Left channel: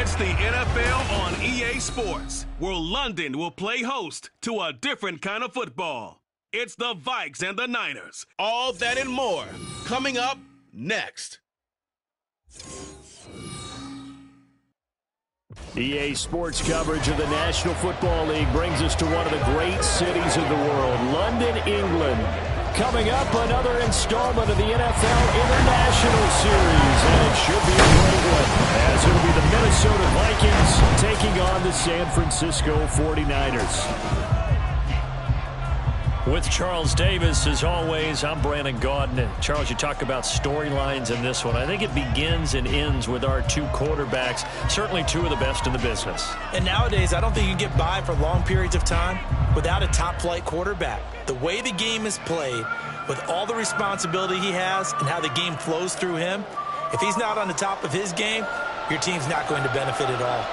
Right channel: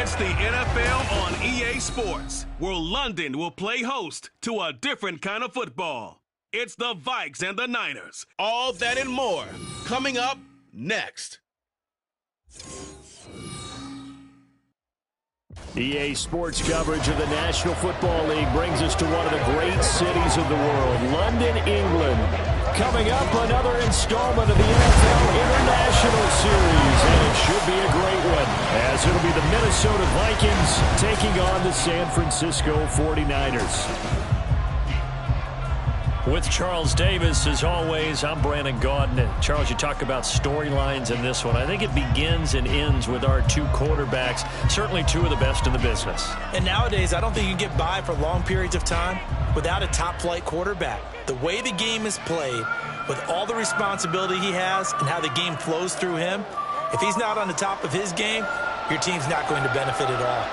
It's the NFL on EA Sports, where London will play host to a different kind of football. It's the Vikes and the Niners. All that and more coming up next. EA Sports coverage of the National Football League brings us to one of the great cities of the world, London, England. Coming up, another installment of the NFL International Series, and it should be a great one, as it'll be the Minnesota Vikings taking on the San Francisco 49ers. With Charles Davis, as always, I'm Brandon Gaudin. And Charles, you talk about storylines in this one. I think it begins and ends with our two quarterbacks, certainly two of the best in the business. And nowadays, I don't think you can get by for long periods of time without a top-flight quarterback. The way the game is played, with all the responsibility he has and how the game flows through him, if he's not on the top of his game, your team's not going to benefit at all.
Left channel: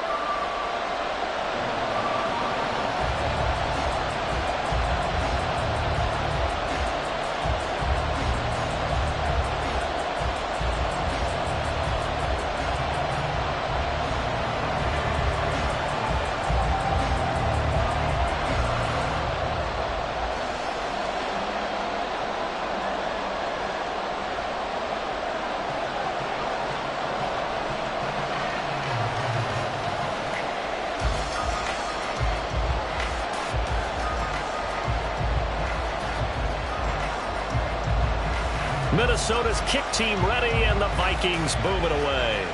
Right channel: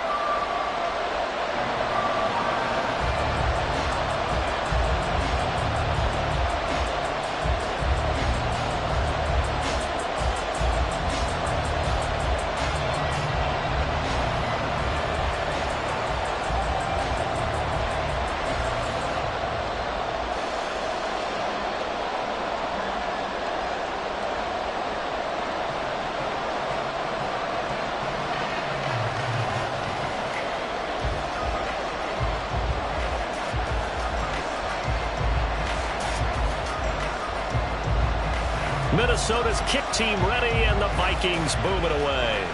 Minnesota's kick team ready, and the Vikings boom it away.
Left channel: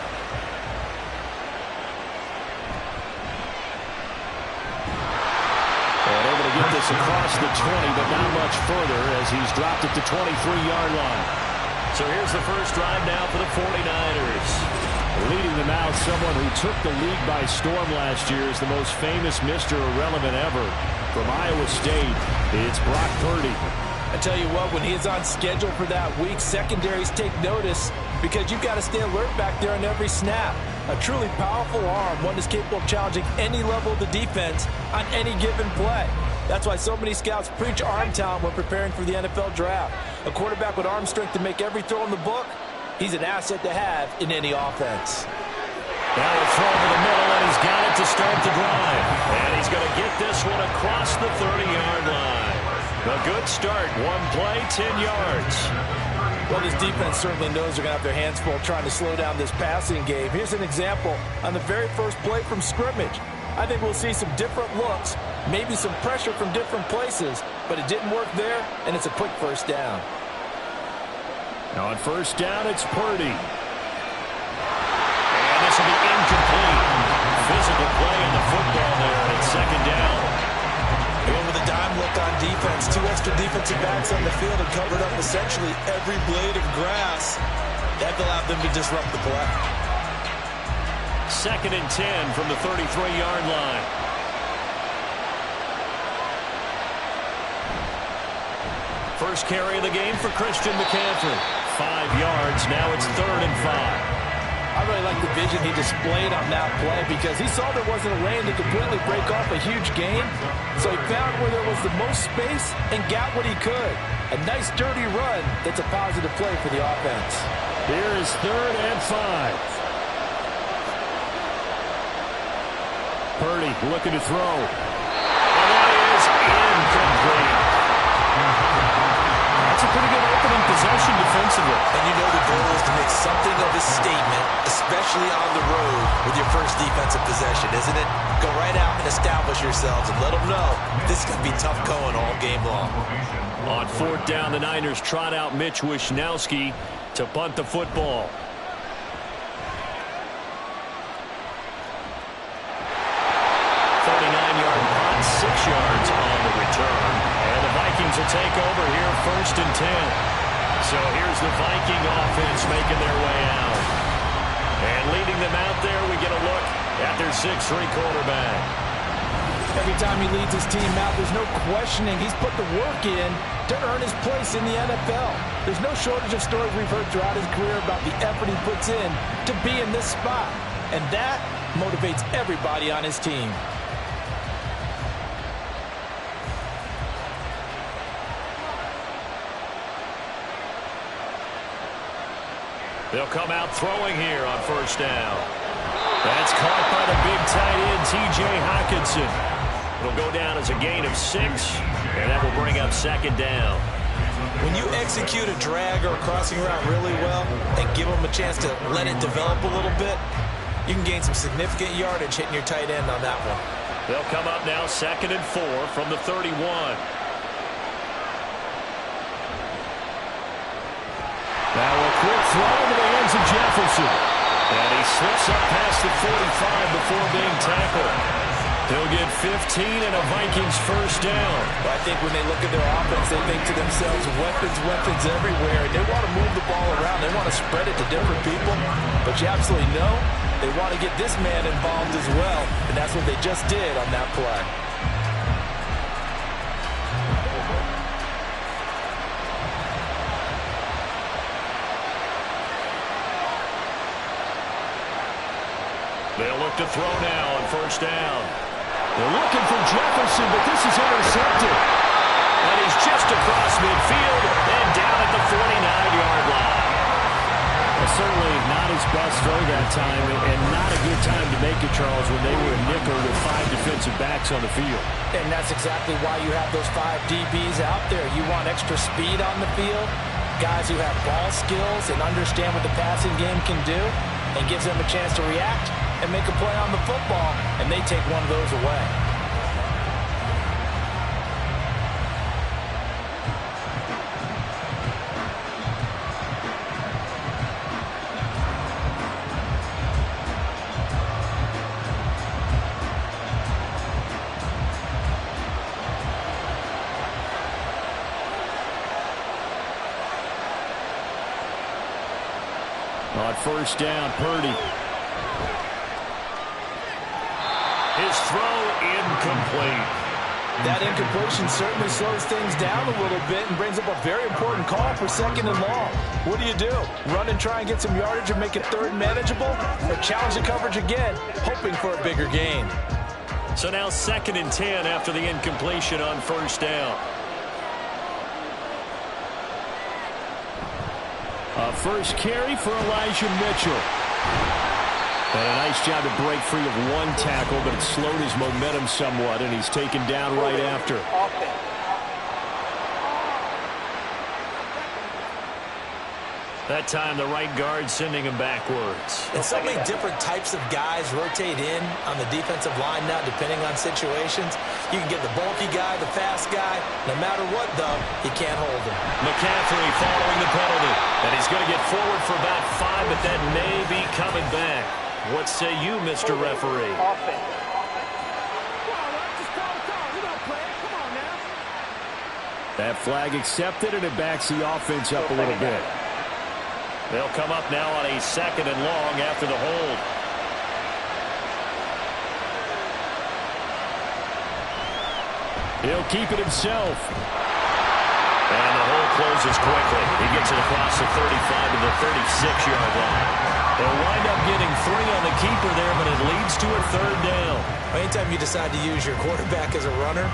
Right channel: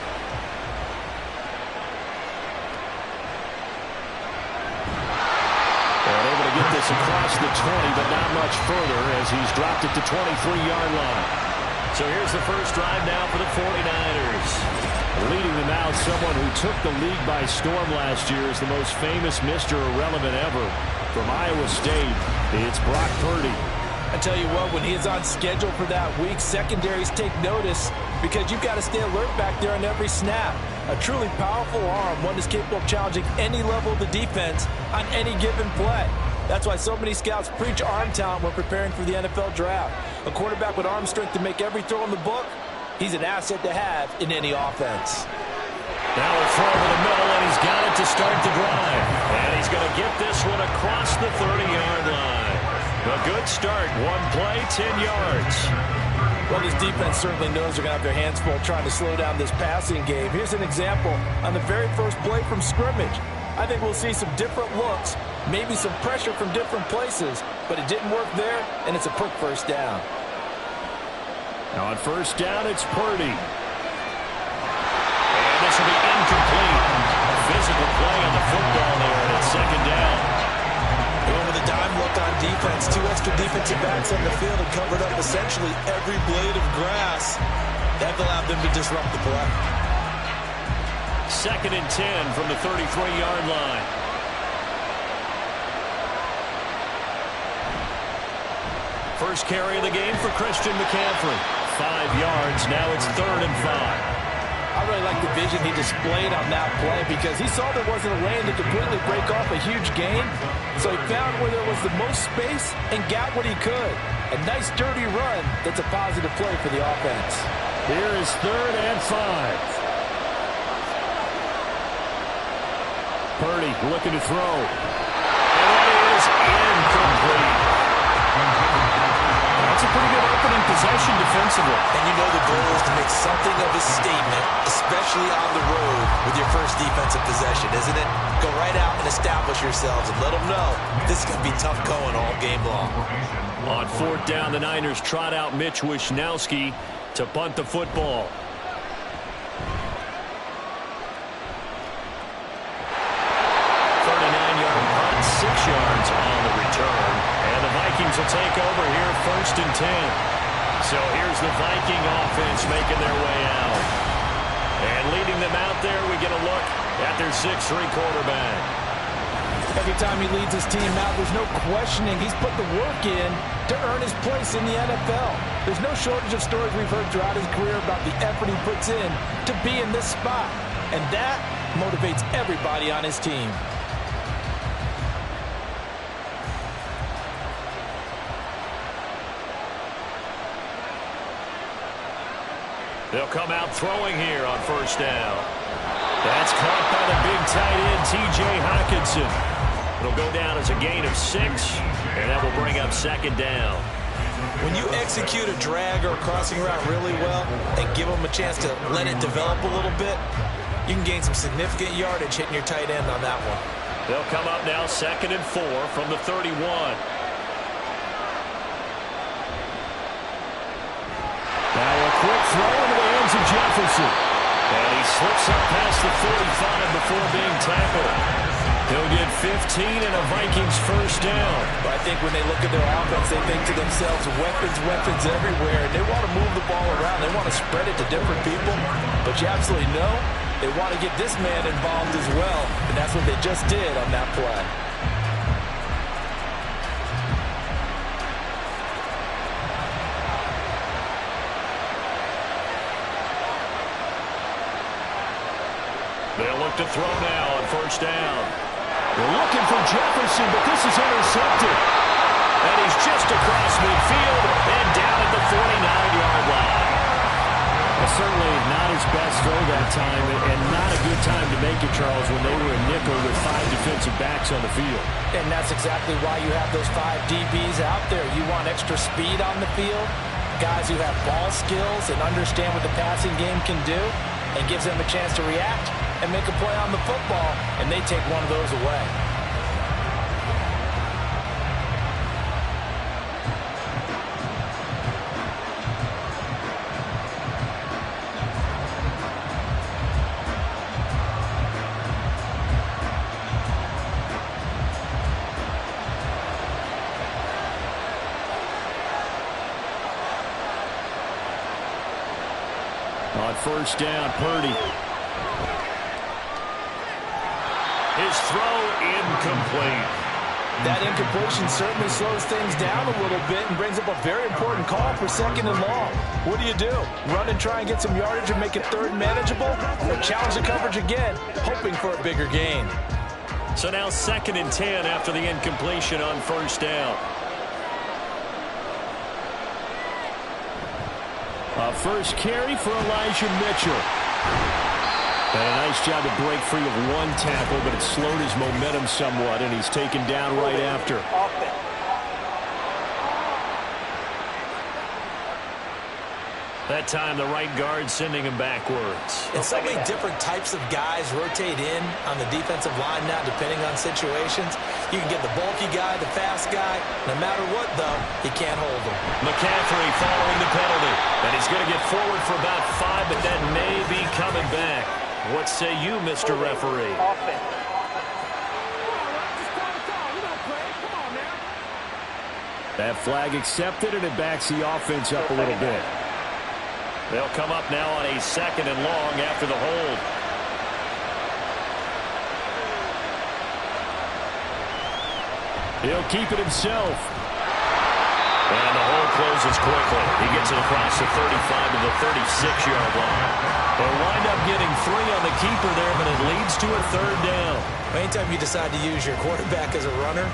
And able to get this across the 20, but not much further as he's dropped it to 23-yard line. So here's the first drive now for the 49ers. Leading them out, someone who took the league by storm last year is the most famous Mr. Irrelevant ever. From Iowa State, it's Brock Purdy. I tell you what, when he is on schedule for that week, secondaries take notice because you've got to stay alert back there on every snap. A truly powerful arm, one that's capable of challenging any level of the defense on any given play. That's why so many scouts preach arm talent when preparing for the NFL draft. A quarterback with arm strength to make every throw in the book, he's an asset to have in any offense. Now a throw over the middle, and he's got it to start the drive. And he's going to get this one across the 30-yard line. A good start. One play, 10 yards. Well, this defense certainly knows they're going to have their hands full trying to slow down this passing game. Here's an example on the very first play from scrimmage. I think we'll see some different looks, maybe some pressure from different places, but it didn't work there, and it's a quick first down. Now on first down, it's Purdy. And this will be incomplete. Physical play on the football there, and it's second down. Going with a dime look on defense. Two extra defensive backs on the field and covered up essentially every blade of grass. That allowed them to disrupt the play. Second and 10 from the 33-yard line. First carry of the game for Christian McCaffrey. 5 yards. Now it's 3rd and 5. I really like the vision he displayed on that play because he saw there wasn't a lane to completely break off a huge gain. So he found where there was the most space and got what he could. A nice dirty run that's a positive play for the offense. Here is 3rd and 5. Purdy looking to throw. And that is incomplete. That's a pretty good opening possession defensively. And you know the goal is to make something of a statement, especially on the road with your first defensive possession, isn't it? Go right out and establish yourselves and let them know this is going to be tough going all game long. On 4th down, the Niners trot out Mitch Wishnowski to punt the football. Punt, 6 yards on the return. And the Vikings will take over here 1st and 10. So here's the Viking offense making their way out. And leading them out there, we get a look at their 6'3 quarterback. Every time he leads his team out, there's no questioning. He's put the work in to earn his place in the NFL. There's no shortage of stories we've heard throughout his career about the effort he puts in to be in this spot. And that motivates everybody on his team. They'll come out throwing here on 1st down. That's caught by the big tight end, T.J. Hockenson. It'll go down as a gain of 6, and that will bring up second down. When you execute a drag or a crossing route really well and give them a chance to let it develop a little bit, you can gain some significant yardage hitting your tight end on that one. They'll come up now 2nd and 4 from the 31. Now a quick throw into the hands of Jefferson. And he slips up past the 45 before being tackled. He'll get 15 and a Vikings first down. I think when they look at their offense, they think to themselves, weapons, weapons everywhere. And they want to move the ball around. They want to spread it to different people. But you absolutely know they want to get this man involved as well. And that's what they just did on that play. They'll look to throw now on first down. They're looking for Jefferson, but this is intercepted. And he's just across midfield and down at the 49-yard line. Well, certainly not his best throw that time, and not a good time to make it, Charles, when they were a nickel with 5 defensive backs on the field. And that's exactly why you have those 5 DBs out there. You want extra speed on the field, guys who have ball skills and understand what the passing game can do, and gives them a chance to react and make a play on the football, and they take one of those away. On first down, Purdy. His throw incomplete. That incompletion certainly slows things down a little bit and brings up a very important call for 2nd and long. What do? Run and try and get some yardage and make it 3rd manageable? Or challenge the coverage again, hoping for a bigger gain? So now 2nd and 10 after the incompletion on first down. First carry for Elijah Mitchell. And a nice job to break free of one tackle, but it slowed his momentum somewhat, and he's taken down right after. That time, the right guard sending him backwards. And so many different types of guys rotate in on the defensive line now, depending on situations. You can get the bulky guy, the fast guy. No matter what, though, you can't hold him. McCaffrey following the penalty. And he's going to get forward for about 5, but that may be coming back. What say you, Mr. Referee? That flag accepted, and it backs the offense up a little bit. They'll come up now on a 2nd and long after the hold. He'll keep it himself. And the hole closes quickly. He gets it across the 35 to the 36-yard line. They'll wind up getting 3 on the keeper there, but it leads to a 3rd down. Anytime you decide to use your quarterback as a runner,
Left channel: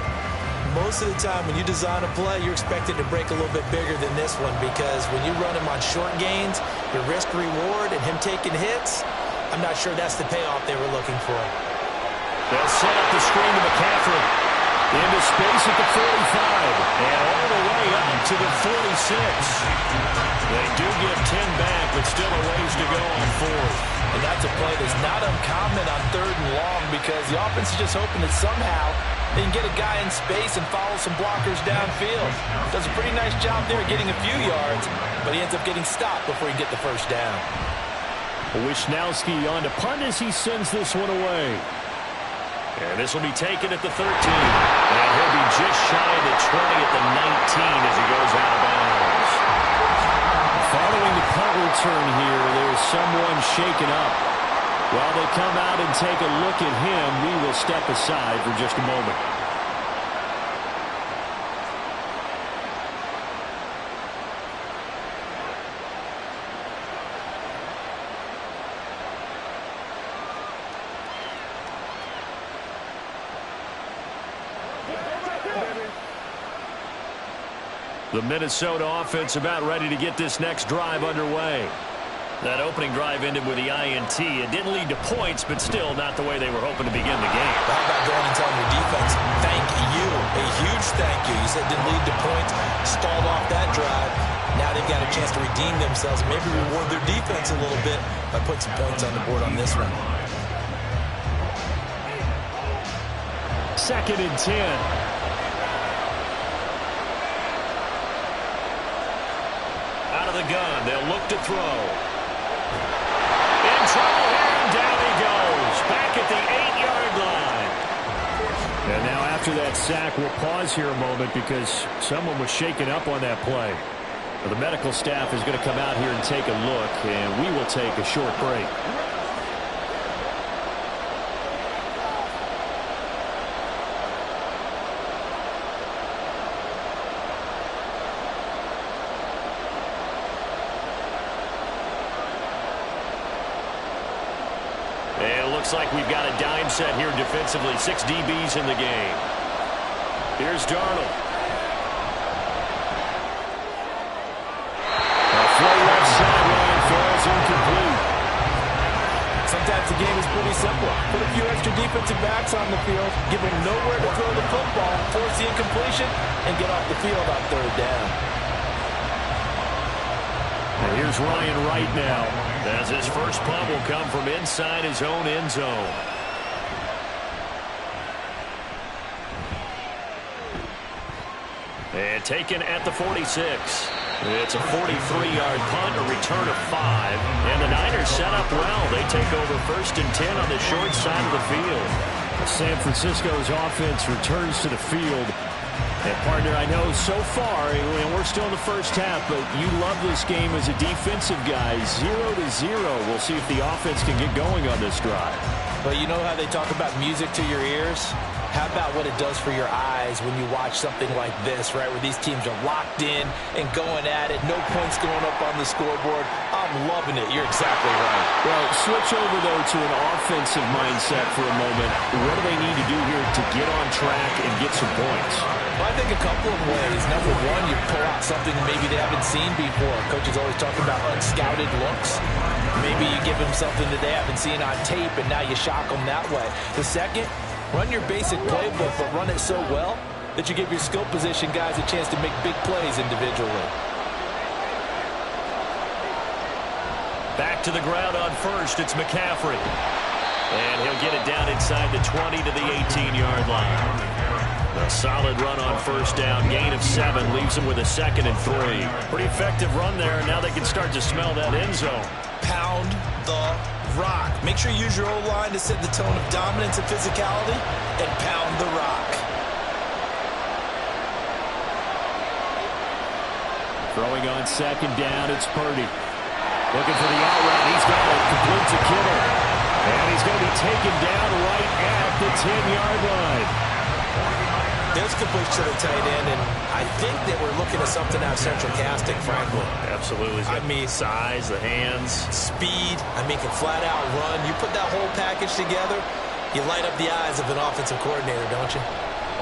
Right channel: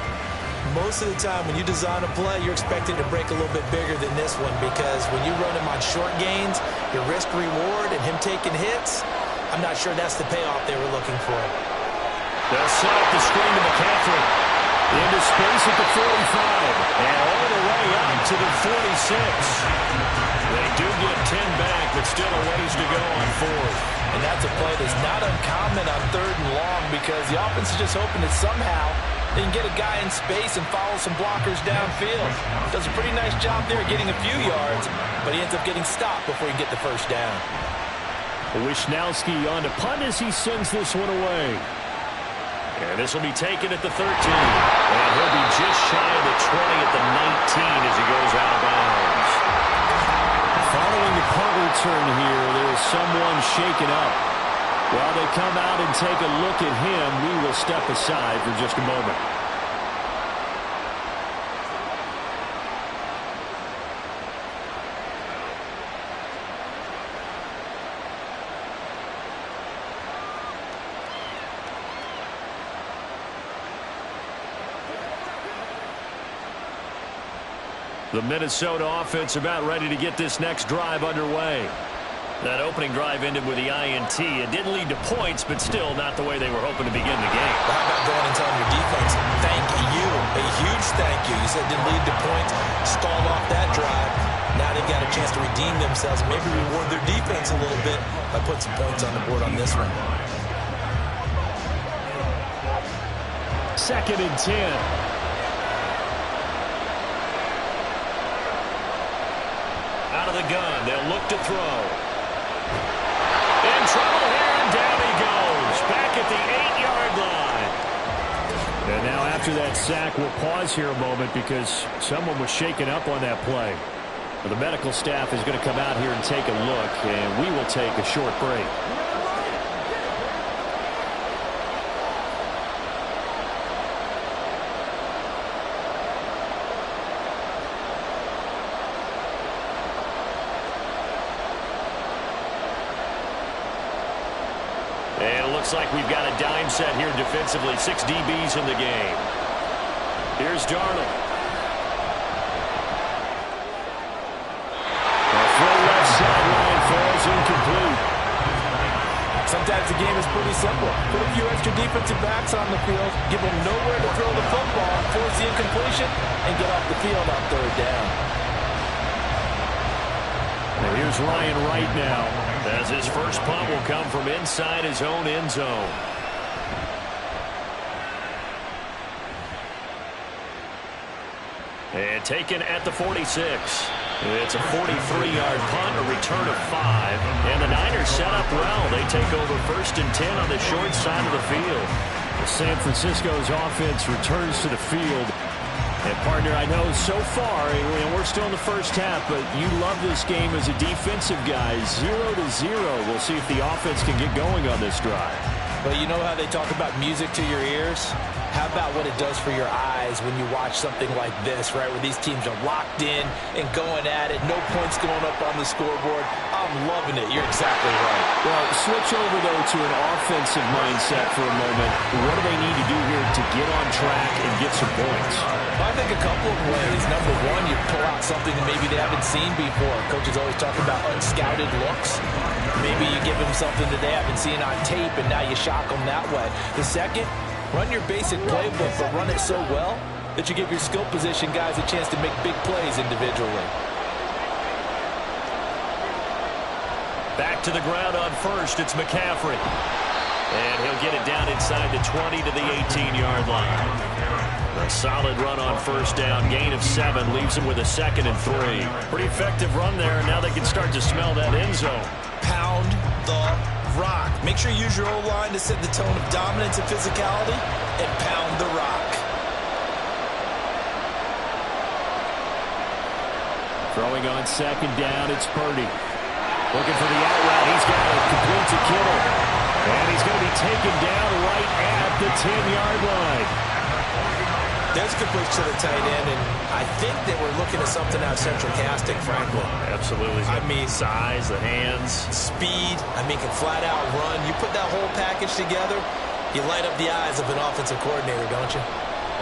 most of the time when you design a play, you're expected to break a little bit bigger than this one, because when you run him on short gains, your risk-reward and him taking hits, I'm not sure that's the payoff they were looking for. They'll set up the screen to McCaffrey. Into space at the 45. And all the way up to the 46. They do get 10 back, but still a ways to go on 4th. And that's a play that's not uncommon on 3rd and long, because the offense is just hoping that somehow they can get a guy in space and follow some blockers downfield. Does a pretty nice job there getting a few yards, but he ends up getting stopped before he can get the first down. Wisnowski on to punt as he sends this one away. And this will be taken at the 13. And he'll be just shy of the 20 at the 19 as he goes out of bounds. Following the punt return here, there's someone shaken up. While they come out and take a look at him, we will step aside for just a moment. The Minnesota offense about ready to get this next drive underway. That opening drive ended with the INT. It didn't lead to points, but still not the way they were hoping to begin the game. How about going and telling your defense, thank you, a huge thank you. You said it didn't lead to points, stalled off that drive. Now they've got a chance to redeem themselves, maybe reward their defense a little bit by putting some points on the board on this one. 2nd and 10. Out of the gun, they'll look to throw. In trouble here, and down he goes. Back at the 8-yard line. And now after that sack, we'll pause here a moment because someone was shaken up on that play. The medical staff is going to come out here and take a look, and we will take a short break. And it looks like we've got a dime set here defensively. 6 DBs in the game. Here's Darnold. A throw left sideline falls incomplete. Sometimes the game is pretty simple. Put a few extra defensive backs on the field, give them nowhere to throw the football, force the incompletion, and get off the field on 3rd down. Now here's Ryan Wright now, as his first punt will come from inside his own end zone. And taken at the 46. It's a 43-yard punt, a return of 5. And the Niners set up well. They take over 1st and 10 on the short side of the field. San Francisco's offense returns to the field. And, partner, I know so far, and we're still in the first half, but you love this game as a defensive guy. 0-0. We'll see if the offense can get going on this drive. But you know how they talk about music to your ears? How about what it does for your eyes when you watch something like this, right, where these teams are locked in and going at it, no points going up on the scoreboard? I'm loving it. You're exactly right. Well, switch over, though, to an offensive mindset for a moment. What do they need to do here to get on track and get some points? Well, I think a couple of ways. Number one, you pull out something maybe they haven't seen before. Coaches always talk about unscouted looks. Maybe you give them something that they haven't seen on tape, and now you shock them that way. The second, run your basic playbook, but run it so well that you give your skill position guys a chance to make big plays individually. Back to the ground on first, it's McCaffrey. And he'll get it down inside the 20 to the 18-yard line. A solid run on 1st down, gain of 7, leaves him with a 2nd and 3. Pretty effective run there, and now they can start to smell that end zone. Pound the rock. Make sure you use your O-line to set the tone of dominance and physicality, and pound the rock. Throwing on 2nd down, it's Purdy. Looking for the out route. He's got it. Complete to Kittle. And he's going to be taken down right at the 10-yard line. There's completion to the tight end, and I think that we're looking at something out of central casting, frankly. Absolutely. I mean, size, the hands. Speed. I mean, can flat out run. You put that whole package together, you light up the eyes of an offensive coordinator, don't you?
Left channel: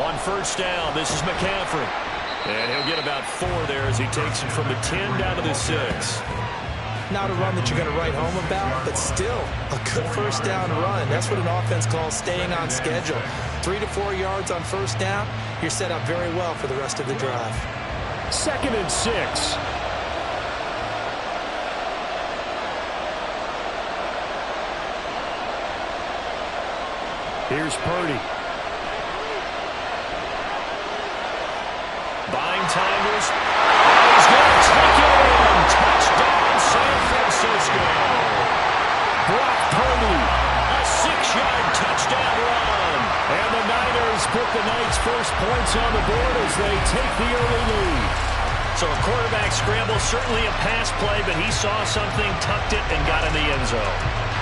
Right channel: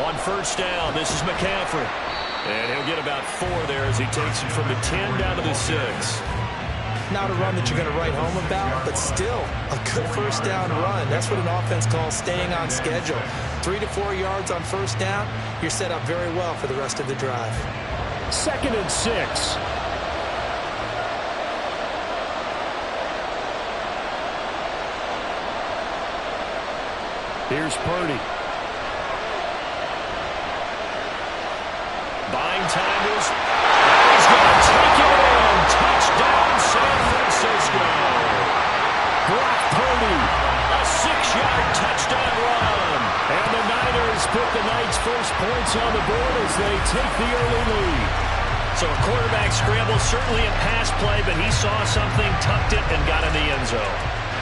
On 1st down, this is McCaffrey. And he'll get about 4 there as he takes it from the 10 down to the 6. Not a run that you're going to write home about, but still a good 1st down run. That's what an offense calls staying on schedule. 3 to 4 yards on 1st down, you're set up very well for the rest of the drive. 2nd and 6. Here's Purdy. Buying time to his... And he's going to take it in. Touchdown, San Francisco. Brock Purdy, a 6-yard touchdown run. And the Niners put the Knights' first points on the board as they take the early lead. So a quarterback scramble, certainly a pass play, but he saw something, tucked it, and got in the end zone.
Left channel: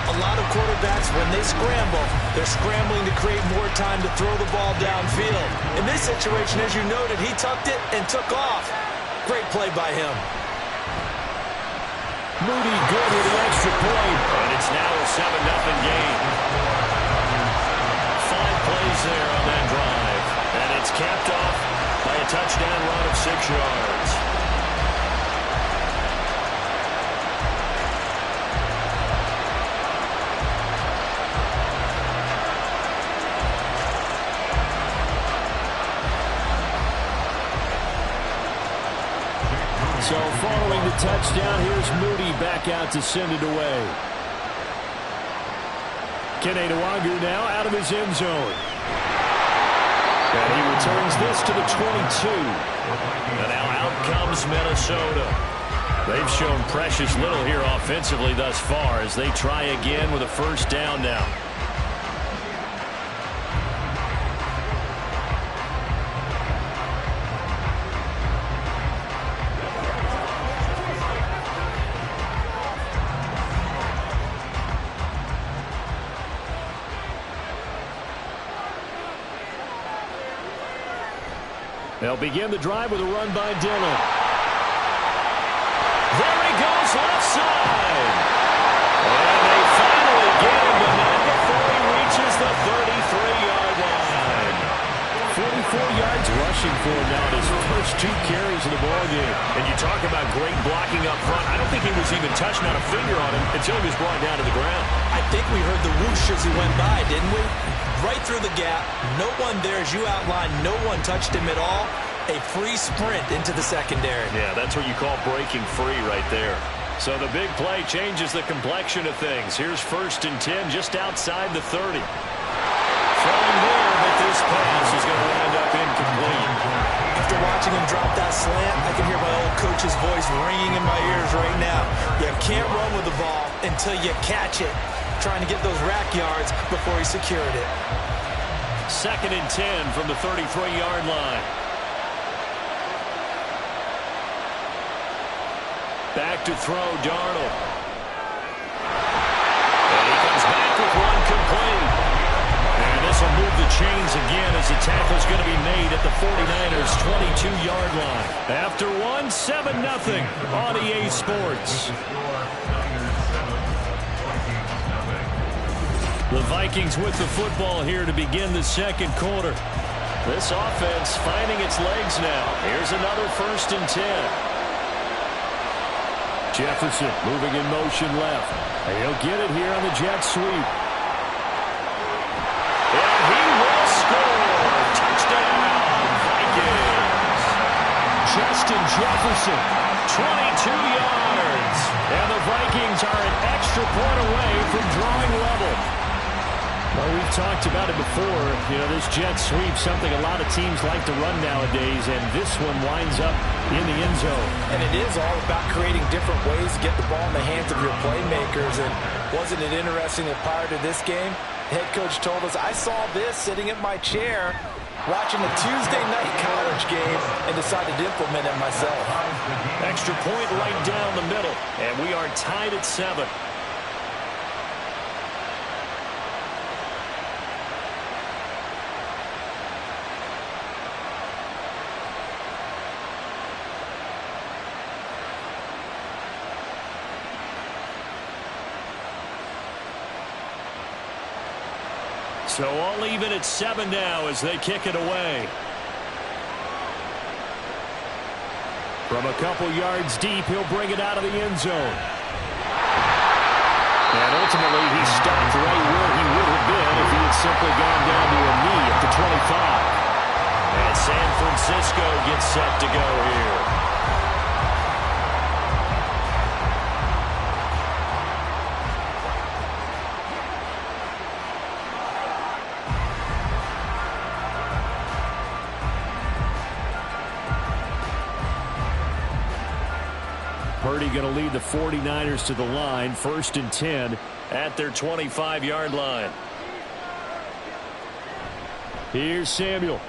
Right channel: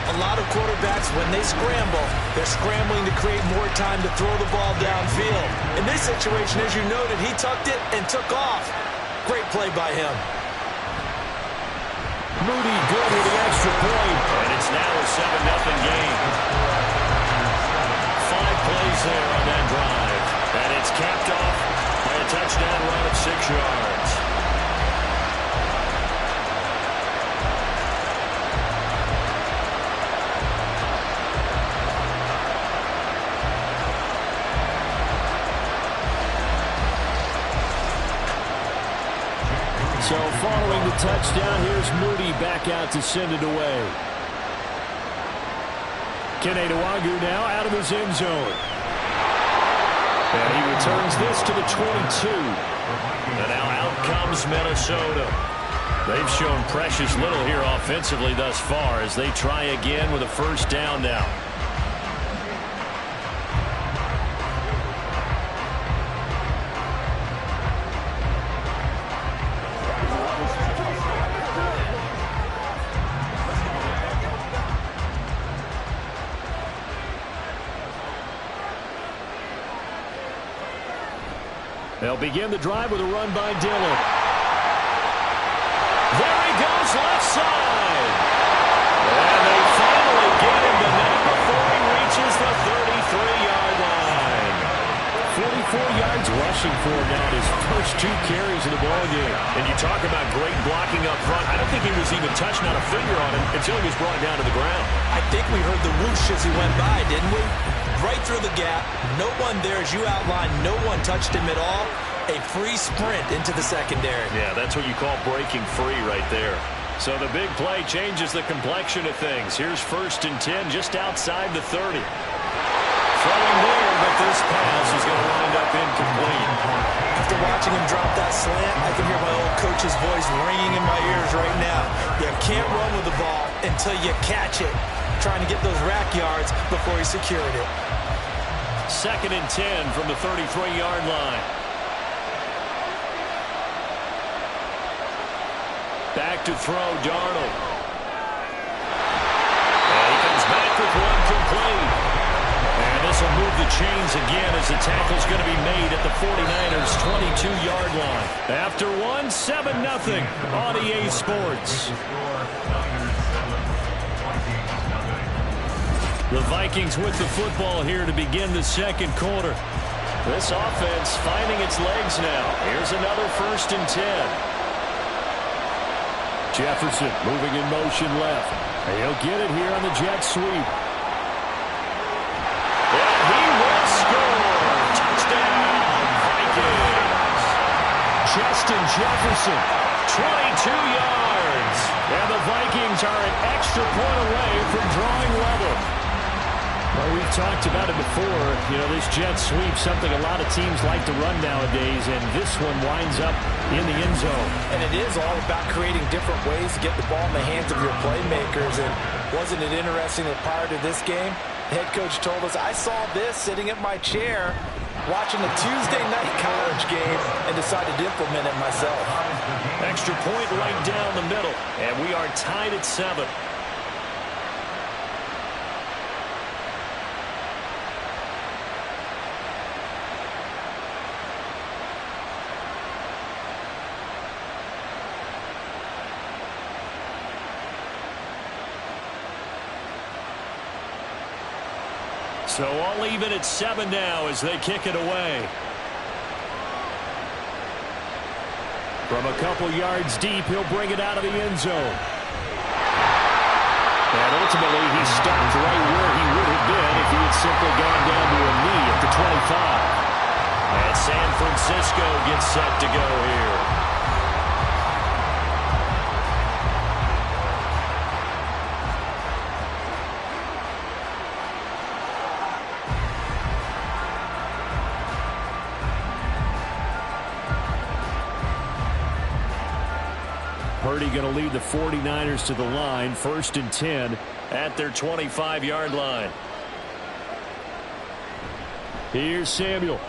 A lot of quarterbacks, when they scramble, they're scrambling to create more time to throw the ball downfield. In this situation, as you noted, he tucked it and took off. Great play by him. Moody good with the extra point. And it's now a 7-0 game. 5 plays there on that drive. And it's capped off by a touchdown run of 6 yards. So following the touchdown, here's Moody back out to send it away. Kenny now out of his end zone. And he returns this to the 22. And now out comes Minnesota. They've shown precious little here offensively thus far as they try again with a first down now. They'll begin the drive with a run by Dillon. There he goes, left side. And they finally get him, but not before he reaches the 33-yard line. 44 yards rushing for him now in his first 2 carries of the ballgame. And you talk about great blocking up front. I don't think he was even touched, not a finger on him, until he was brought down to the ground. I think we heard the whoosh as he went by, didn't we? Right through the gap. No one there, as you outlined. No one touched him at all. A free sprint into the secondary. Yeah, that's what you call breaking free right there. So the big play changes the complexion of things. Here's 1st and 10 just outside the 30. Throwing there, but this pass is going to wind up incomplete. After watching him drop that slant, I can hear my old coach's voice ringing in my ears right now. You can't run with the ball until you catch it. Trying to get those rack yards before he secured it. 2nd and 10 from the 33-yard line. Back to throw, Darnold. And he comes back with one complete. And this will move the chains again as the tackle's going to be made at the 49ers' 22-yard line. After one, 7-0 on EA Sports. The Vikings with the football here to begin the second quarter. This offense finding its legs now. Here's another 1st and 10. Jefferson moving in motion left. And he'll get it here on the jet sweep. And he will score. Touchdown, Vikings. Justin Jefferson, 22 yards. And the Vikings are an extra point away from drawing level. Well, we've talked about it before. You know, this jet sweep, something a lot of teams like to run nowadays, and this one winds up in the end zone. And it is all about creating different ways to get the ball in the hands of your playmakers. And wasn't it interesting that prior to this game, the head coach told us, I saw this sitting at my chair watching a Tuesday night college game and decided to implement it myself. Extra point right down the middle, and we are tied at 7. So all even at 7 now as they kick it away. From a couple yards deep, he'll bring it out of the end zone. And ultimately, he stopped right where he would have been if he had simply gone down to a knee at the 25. And San Francisco gets set to go here. Purdy going to lead the 49ers to the line. 1st and 10 at their 25-yard line. Here's Samuel.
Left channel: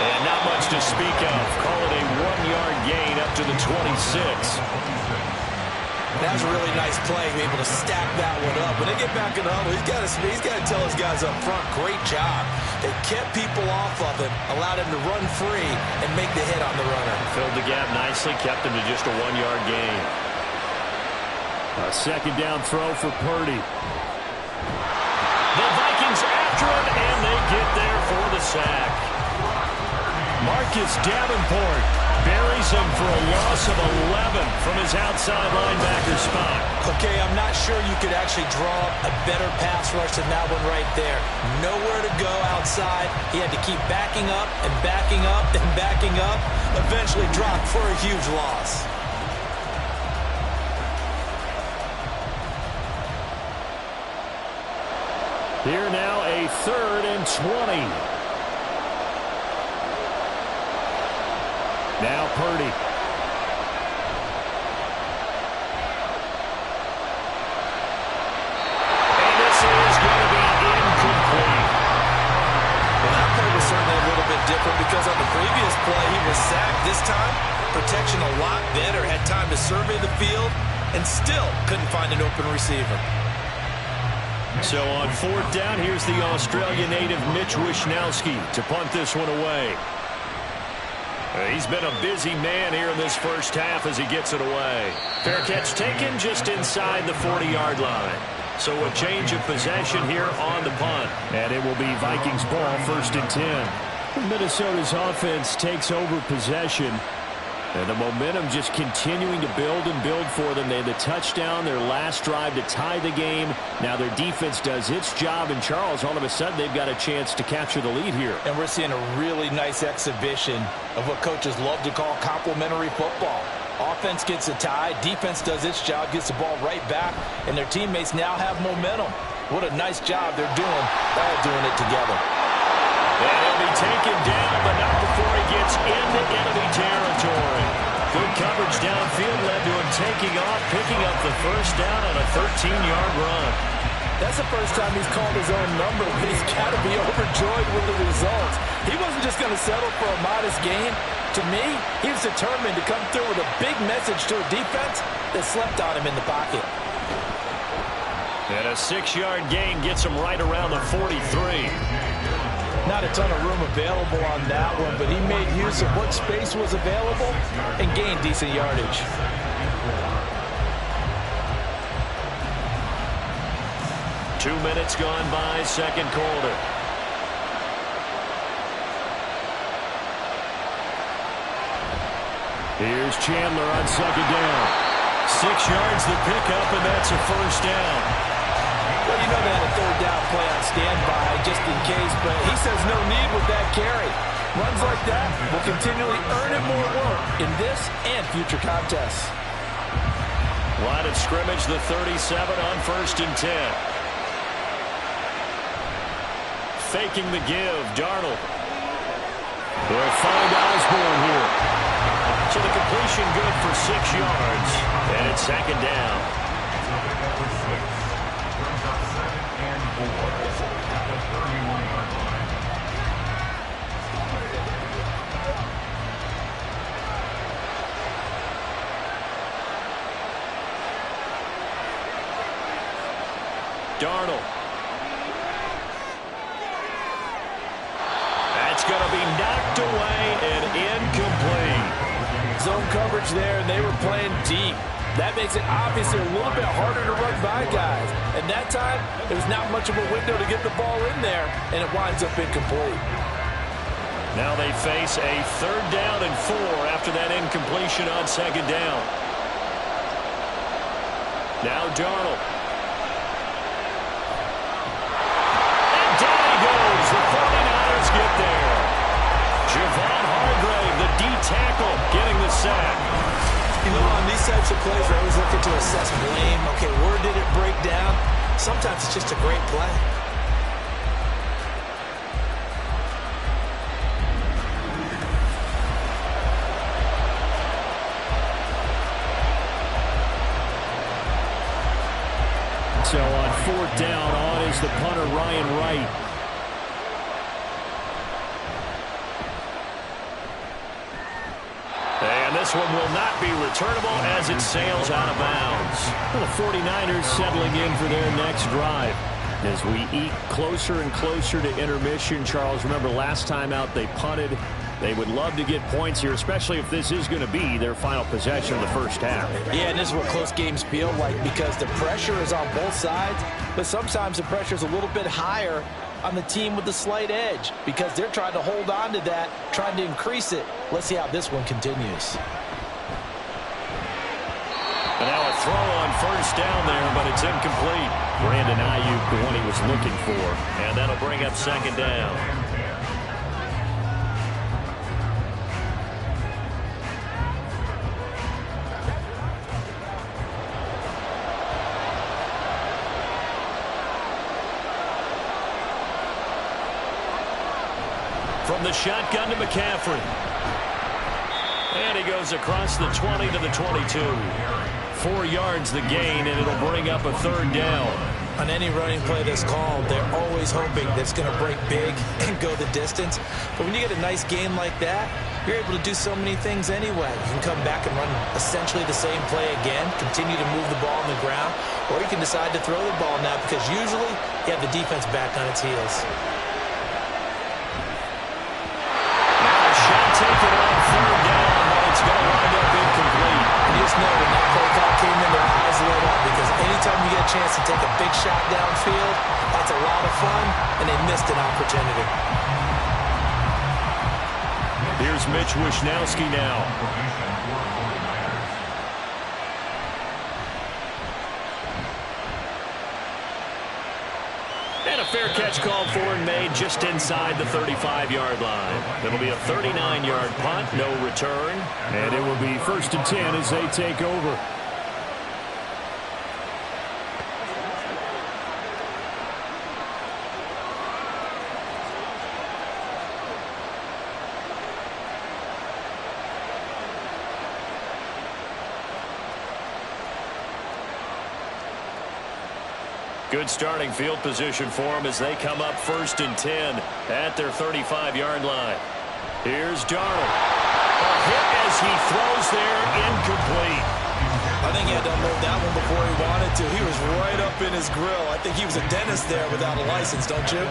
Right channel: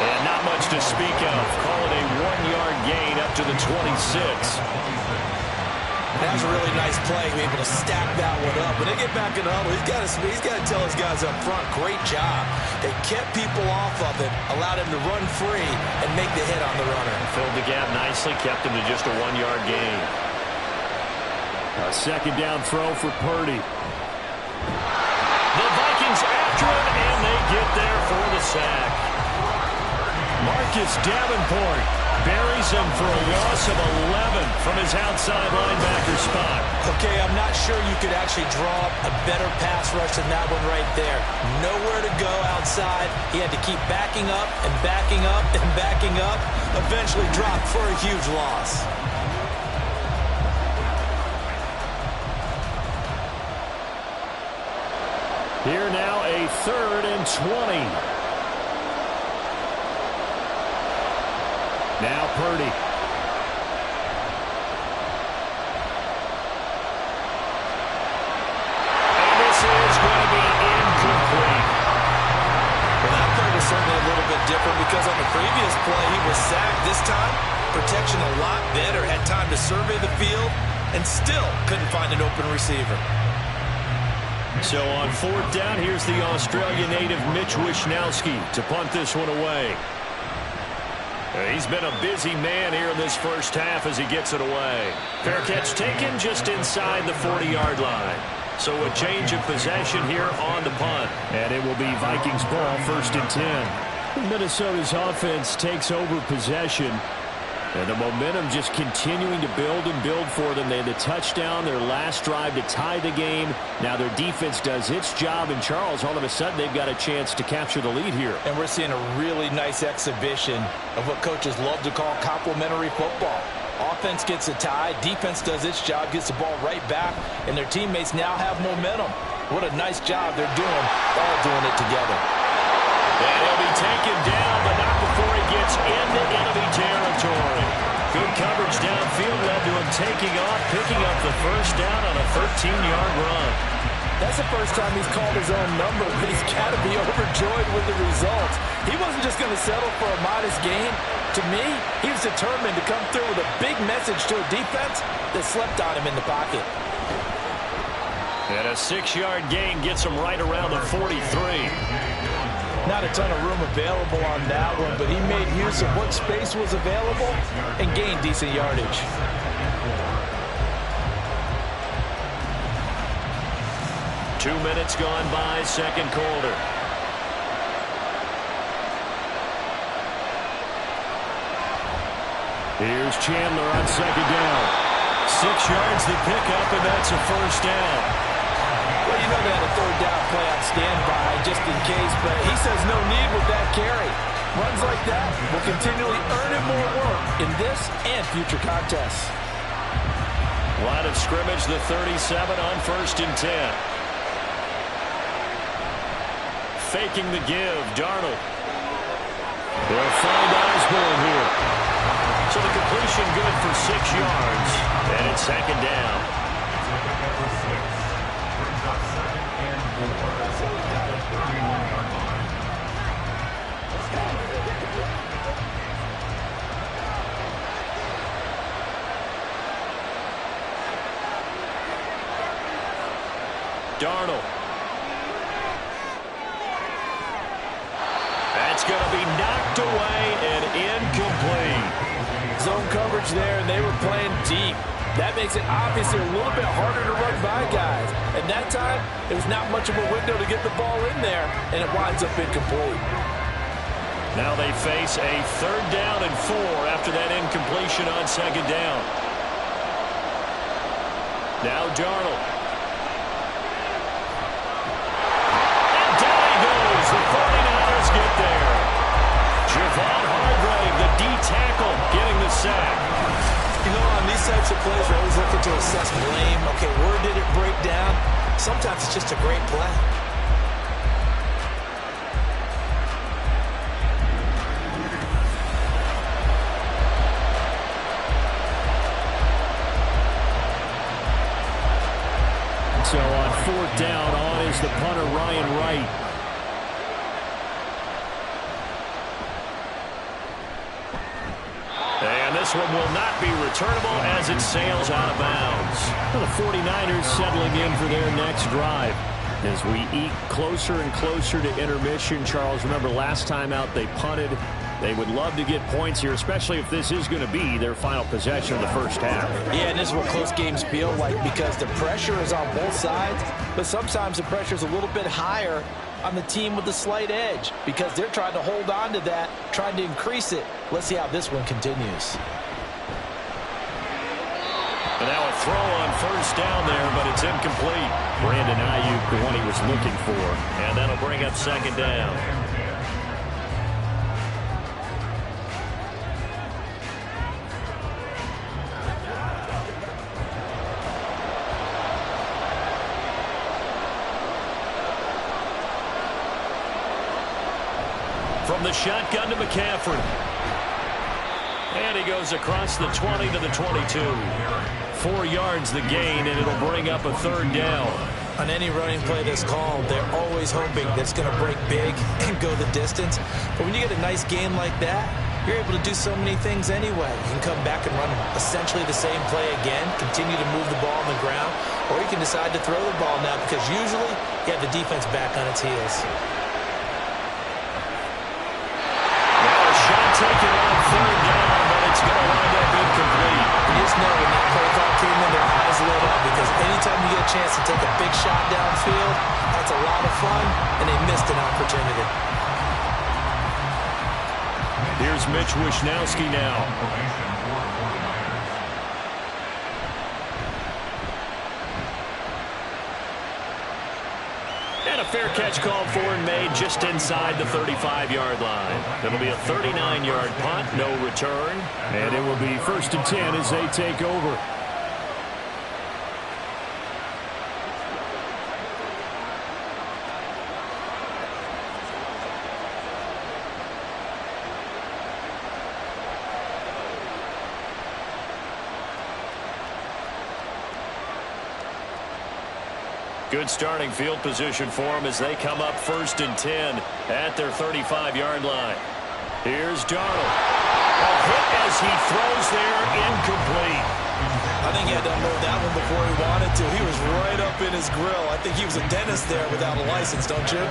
And not much to speak of. Call it a 1-yard gain up to the 26. That was a really nice play, be able to stack that one up. When they get back in the huddle, he's got to tell his guys up front, great job. They kept people off of him, allowed him to run free, and make the hit on the runner. Filled the gap nicely, kept him to just a 1-yard gain. A 2nd down throw for Purdy. The Vikings after him, and they get there for the sack. Marcus Davenport Buries him for a loss of 11 from his outside linebacker spot. Okay, I'm not sure you could actually draw up a better pass rush than that one right there. Nowhere to go outside. He had to keep backing up and backing up and backing up. Eventually dropped for a huge loss. Here now, a 3rd and 20. Now Purdy. And this is going to be incomplete. Well, that play was certainly a little bit different because on the previous play, he was sacked. This time, protection a lot better. Had time to survey the field and still couldn't find an open receiver. So on 4th down, here's the Australian native Mitch Wishnowsky to punt this one away. He's been a busy man here in this first half as he gets it away. Fair catch taken just inside the 40-yard line. So a change of possession here on the punt. And it will be Vikings ball, 1st and 10. Minnesota's offense takes over possession. And the momentum just continuing to build and build for them. They had the touchdown, their last drive to tie the game. Now their defense does its job. And Charles, all of a sudden, they've got a chance to capture the lead here. And we're seeing a really nice exhibition of what coaches love to call complementary football. Offense gets a tie, defense does its job, gets the ball right back, and their teammates now have momentum. What a nice job they're doing, all doing it together. And he'll be taken down, but not before he gets into enemy territory. Good coverage downfield led to him taking off, picking up the 1st down on a 13-yard run. That's the first time he's called his own number, but he's got to be overjoyed with the results. He wasn't just going to settle for a modest gain. To me, he was determined to come through with a big message to a defense that slept on him in the pocket. And a 6-yard gain gets him right around the 43. Not a ton of room available on that one, but he made use of what space was available and gained decent yardage. Two minutes gone by, 2nd quarter. Here's Chandler on 2nd down. 6 yards the pickup, and that's a 1st down. Well, you know they had a 3rd down play on standby just in case, but he says no need with that carry. Runs like that will continually earn him more work in this and future contests. Line of scrimmage, the 37 on 1st and 10. Faking the give, Darnold. They'll find Osborne here. So the completion good for 6 yards, and it's 2nd down. Darnold. That's going to be knocked away and incomplete. Zone coverage there, and they were playing deep. That makes it obviously a little bit harder to run by guys. And that time, there was not much of a window to get the ball in there, and it winds up incomplete. Now they face a 3rd down and 4 after that incompletion on 2nd down. Now Darnold. And down he goes. The 49ers get there. Javon Hargrave, the D tackle, getting the sack. You know, on these types of plays, we're always looking to assess blame. Okay, where did it break down? Sometimes it's just a great play. So on 4th down, on is the punter, Ryan Wright. And this one will not be returnable as it sails out of bounds. Well, the 49ers settling in for their next drive. As we eke closer and closer to intermission, Charles, remember last time out they punted. They would love to get points here, especially if this is going to be their final possession of the first half. Yeah, and this is what close games feel like because the pressure is on both sides, but sometimes the pressure is a little bit higher on the team with the slight edge because they're trying to hold on to that, trying to increase it. Let's see how this one continues. And now a throw on first down there, but it's incomplete. Brandon Ayuk, the one he was looking for. And that'll bring up second down. From the shotgun to McCaffrey. And he goes across the 20 to the 22. 4 yards the gain, and it'll bring up a third down. On any running play that's called, they're always hoping that it's going to break big and go the distance. But when you get a nice gain like that, you're able to do so many things anyway. You can come back and run essentially the same play again, continue to move the ball on the ground, or you can decide to throw the ball now because usually you have the defense back on its heels. Shot taken on third down, but it's going to wind up incomplete. And you just know when that play call came in, their eyes lit up because anytime you get a chance to take a big shot downfield, that's a lot of fun, and they missed an opportunity. Here's Mitch Wishnowsky now. And a fair catch called for and made just inside the 35-yard line. It'll be a 39-yard punt, no return. And it will be 1st and 10 as they take over. Good starting field position for them as they come up 1st and 10 at their 35-yard line. Here's Darnold. A hit as he throws there, incomplete. I think he had to unload that one before he wanted to. He was right up in his grill. I think he was a dentist there without a license, don't you?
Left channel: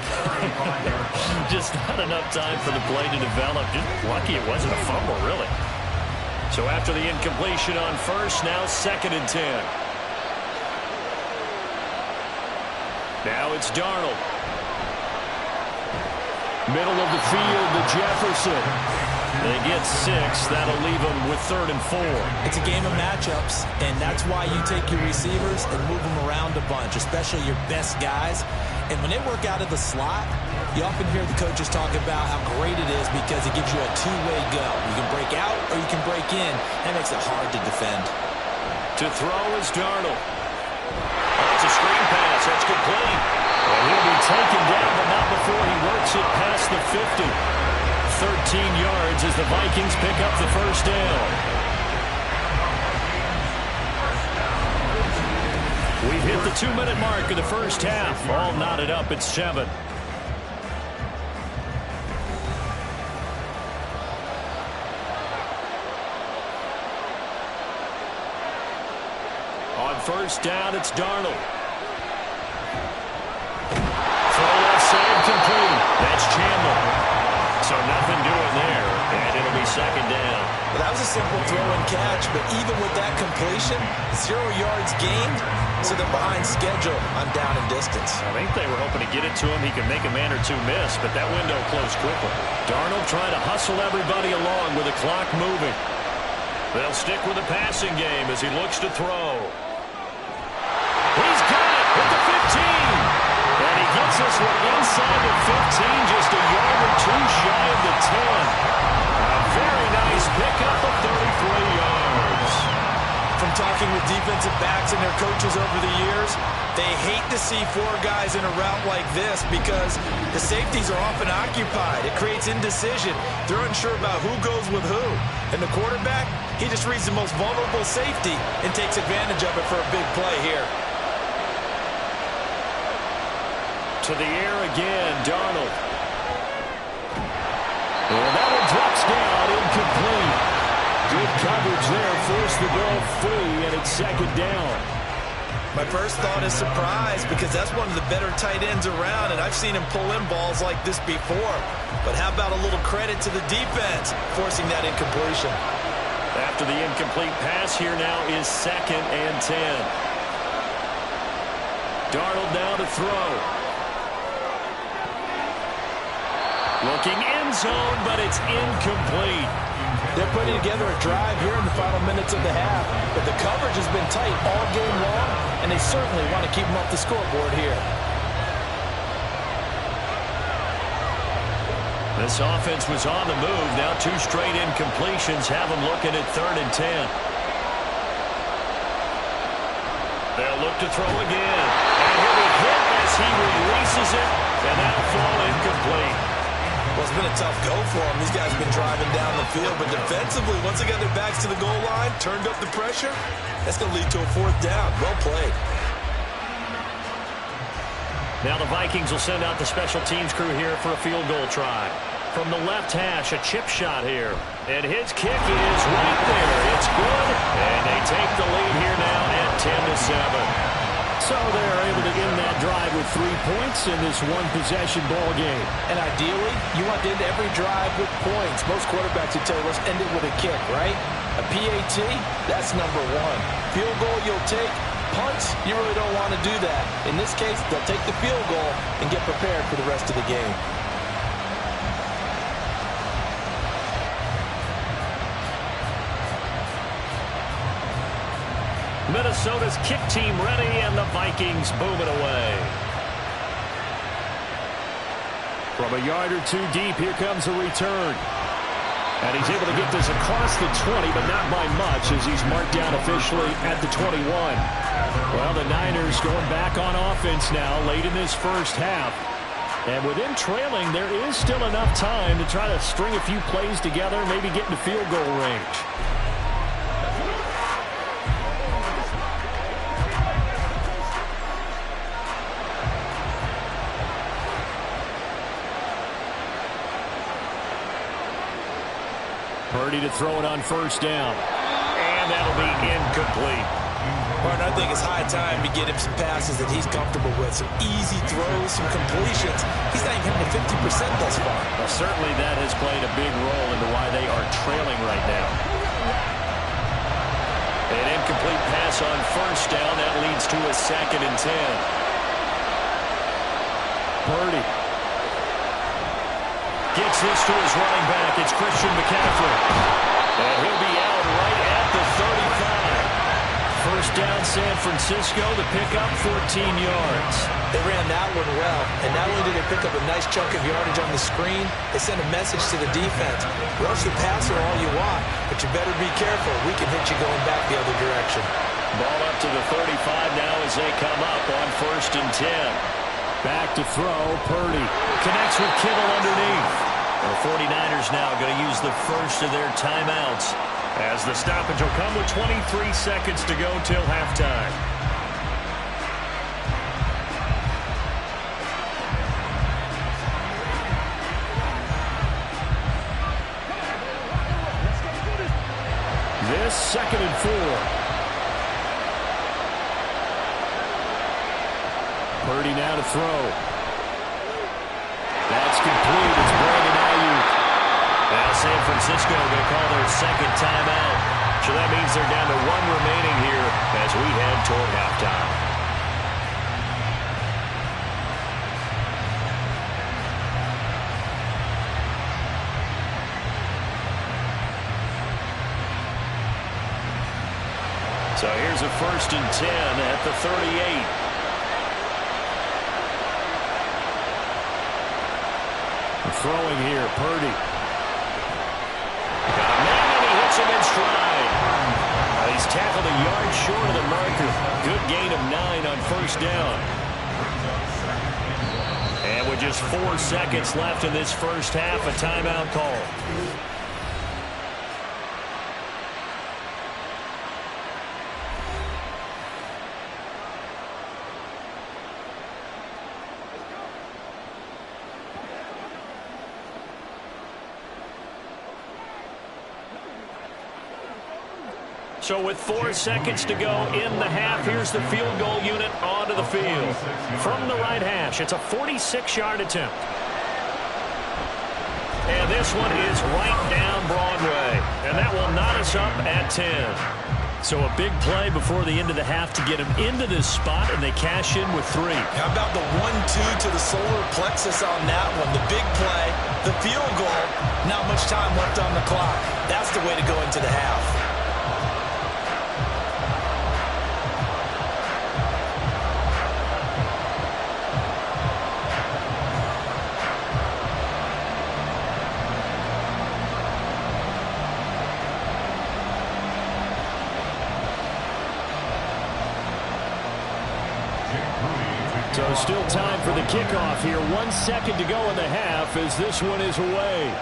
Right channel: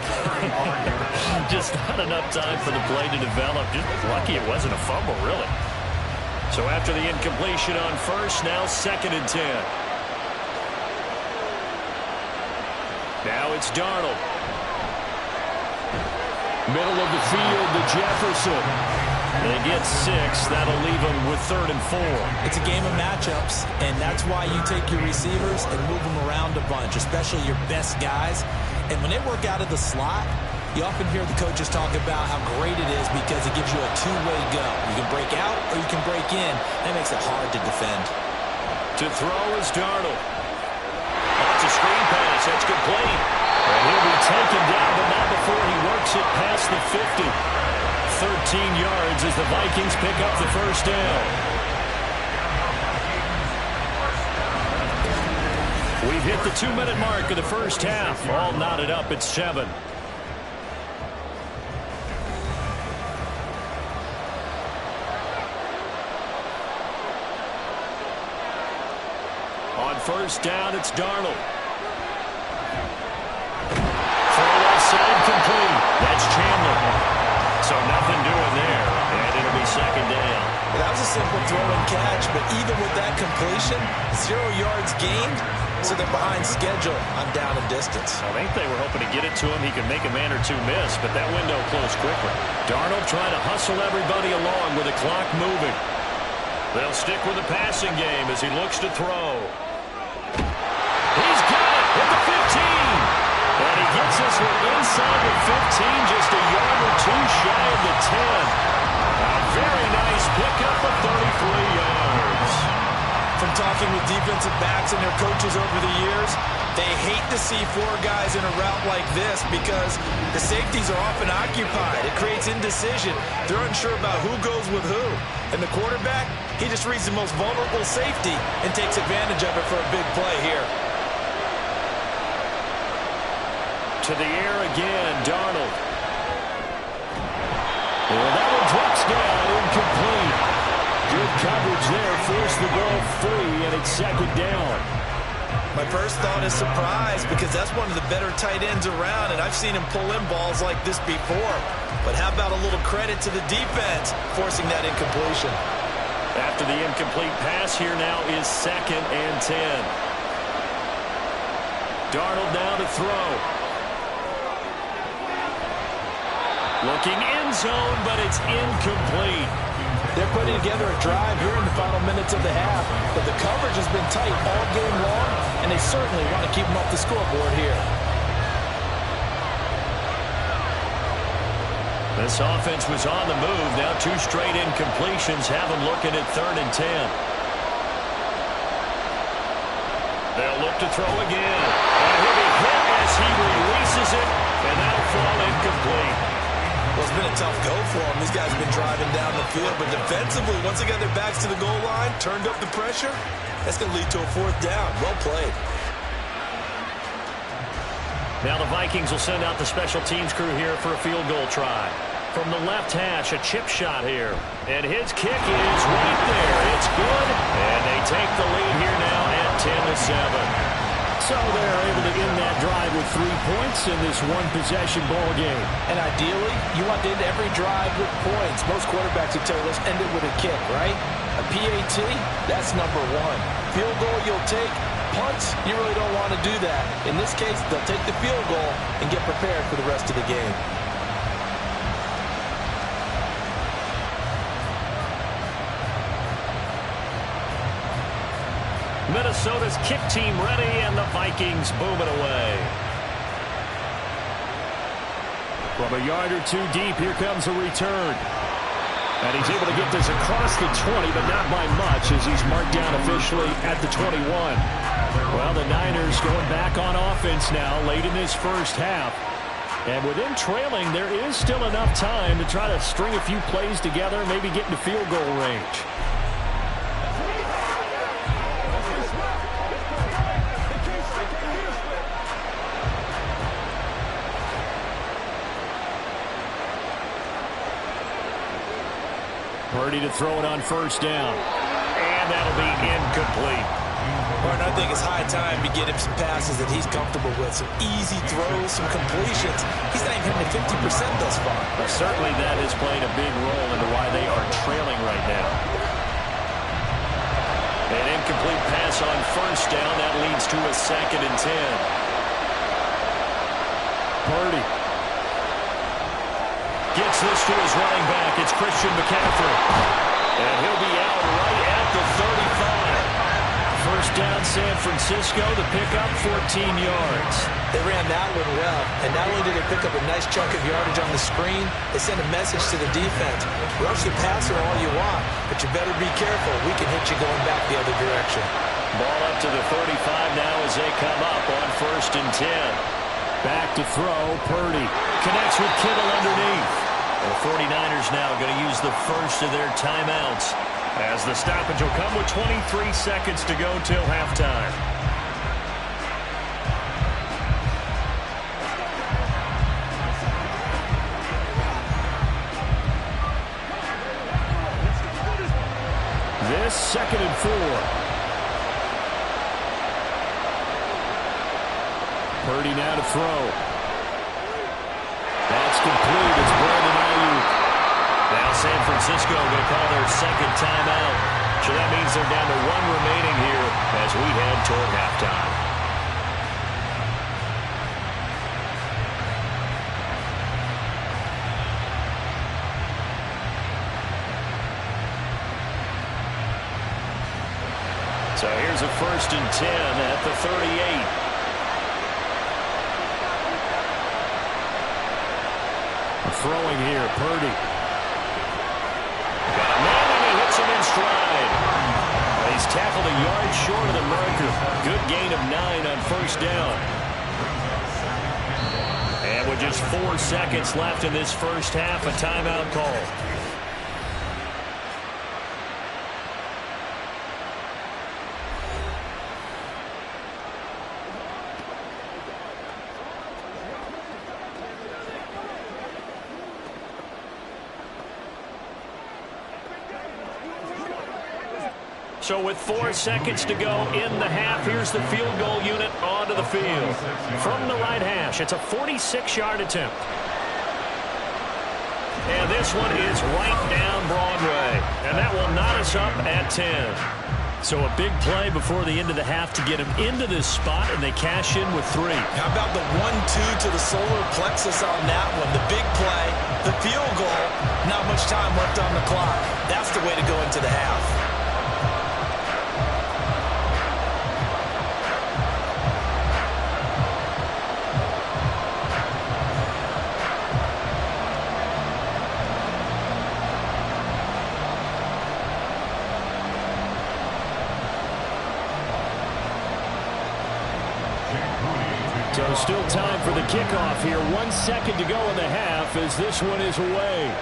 Just not enough time for the play to develop. Just lucky it wasn't a fumble, really. So after the incompletion on first, now 2nd and 10. Now it's Darnold. Middle of the field to Jefferson. They get 6. That'll leave them with 3rd and 4. It's a game of matchups, and that's why you take your receivers and move them around a bunch, especially your best guys. And when they work out of the slot, you often hear the coaches talk about how great it is because it gives you a two-way go. You can break out or you can break in. That makes it hard to defend. To throw is Darnold. Oh, it's a screen pass. That's complete. And he'll be taken down, but not before he works it past the 50. 13 yards as the Vikings pick up the first down. We've hit the 2-minute mark of the first half. All knotted up at 7. On first down, it's Darnold. Throw left side complete. That's Chandler. So nothing doing there, and it'll be 2nd down. Well, that was a simple throw and catch, but even with that completion, 0 yards gained, so they're behind schedule on down and distance. I think they were hoping to get it to him. He could make a man or two miss, but that window closed quickly. Darnold trying to hustle everybody along with the clock moving. They'll stick with the passing game as he looks to throw. He's got it at the 15. And he gets this one inside the 15, just a yard or two shy of the 10. A very nice pickup of 33 yards. From talking with defensive backs and their coaches over the years, they hate to see 4 guys in a route like this because the safeties are often occupied. It creates indecision. They're unsure about who goes with who. And the quarterback, he just reads the most vulnerable safety and takes advantage of it for a big play here. To the air again, Darnold. And that one drops down, incomplete. Good coverage there, forced the ball free, and it's 2nd down. My first thought is surprise because that's one of the better tight ends around, and I've seen him pull in balls like this before. But how about a little credit to the defense forcing that incompletion? After the incomplete pass, here now is 2nd and 10. Darnold now to throw. Looking end zone, but it's incomplete. They're putting together a drive here in the final minutes of the half, but the coverage has been tight all game long, and they certainly want to keep them off the scoreboard here. This offense was on the move. Now 2 straight incompletions have them looking at 3rd and 10. They'll look to throw again. And he'll be hit as he releases it, and that'll fall incomplete. Well, it's been a tough go for them. These guys have been driving down the field, but defensively, once they got their backs to the goal line, turned up the pressure, that's going to lead to a 4th down. Well played. Now the Vikings will send out the special teams crew here for a field goal try. From the left hash, a chip shot here. And his kick is right there. It's good. And they take the lead here now at 10-7. So they're able to end that drive with 3 points in this one-possession ball game. And ideally, you want to end every drive with points. Most quarterbacks would tell you, let's end it with a kick, right? A PAT, that's number 1. Field goal you'll take. Punts, you really don't want to do that. In this case, they'll take the field goal and get prepared for the rest of the game. Minnesota's kick team ready, and the Vikings booming away. From a yard or 2 deep, here comes a return. And he's able to get this across the 20, but not by much, as he's marked down officially at the 21. Well, the Niners going back on offense now late in this first half. And with them trailing, there is still enough time to try to string a few plays together, maybe get into field goal range. Purdy to throw it on 1st down. And that'll be incomplete. Martin, I think it's high time to get him some passes that he's comfortable with. Some easy throws, some completions. He's not even hitting the 50% thus far. Certainly that has played a big role into why they are trailing right now. An incomplete pass on 1st down. That leads to a 2nd and 10. Purdy gets this to his running back. It's Christian McCaffrey. And he'll be out right at the 35. 1st down, San Francisco. The pickup, 14 yards. They ran that one well. And not only did they pick up a nice chunk of yardage on the screen, they sent a message to the defense. Rush the passer all you want, but you better be careful. We can hit you going back the other direction. Ball up to the 35 now as they come up on 1st and 10. Back to throw, Purdy. Connects with Kittle underneath. The 49ers now going to use the first of their timeouts, as the stoppage will come with 23 seconds to go till halftime. This 2nd and 4. Purdy now to throw. That's complete. It's Brandon Ayuk. Now San Francisco going to call their 2nd timeout. So that means they're down to 1 remaining here as we head toward halftime. So here's a 1st and 10 at the 38. Throwing here, Purdy. Got a man, and he hits him in stride. He's tackled a yard short of the marker. Good gain of 9 on 1st down. And with just 4 seconds left in this first half, a timeout call. So with 4 seconds to go in the half, here's the field goal unit onto the field. From the right hash, it's a 46-yard attempt. And this one is right down Broadway. And that will knot us up at 10. So a big play before the end of the half to get him into this spot, and they cash in with 3. How about the 1-2 to the solar plexus on that one? The big play, the field goal, not much time left on the clock. That's the way to go into the half. So still time for the kickoff here. 1 second to go in the half as this one is away.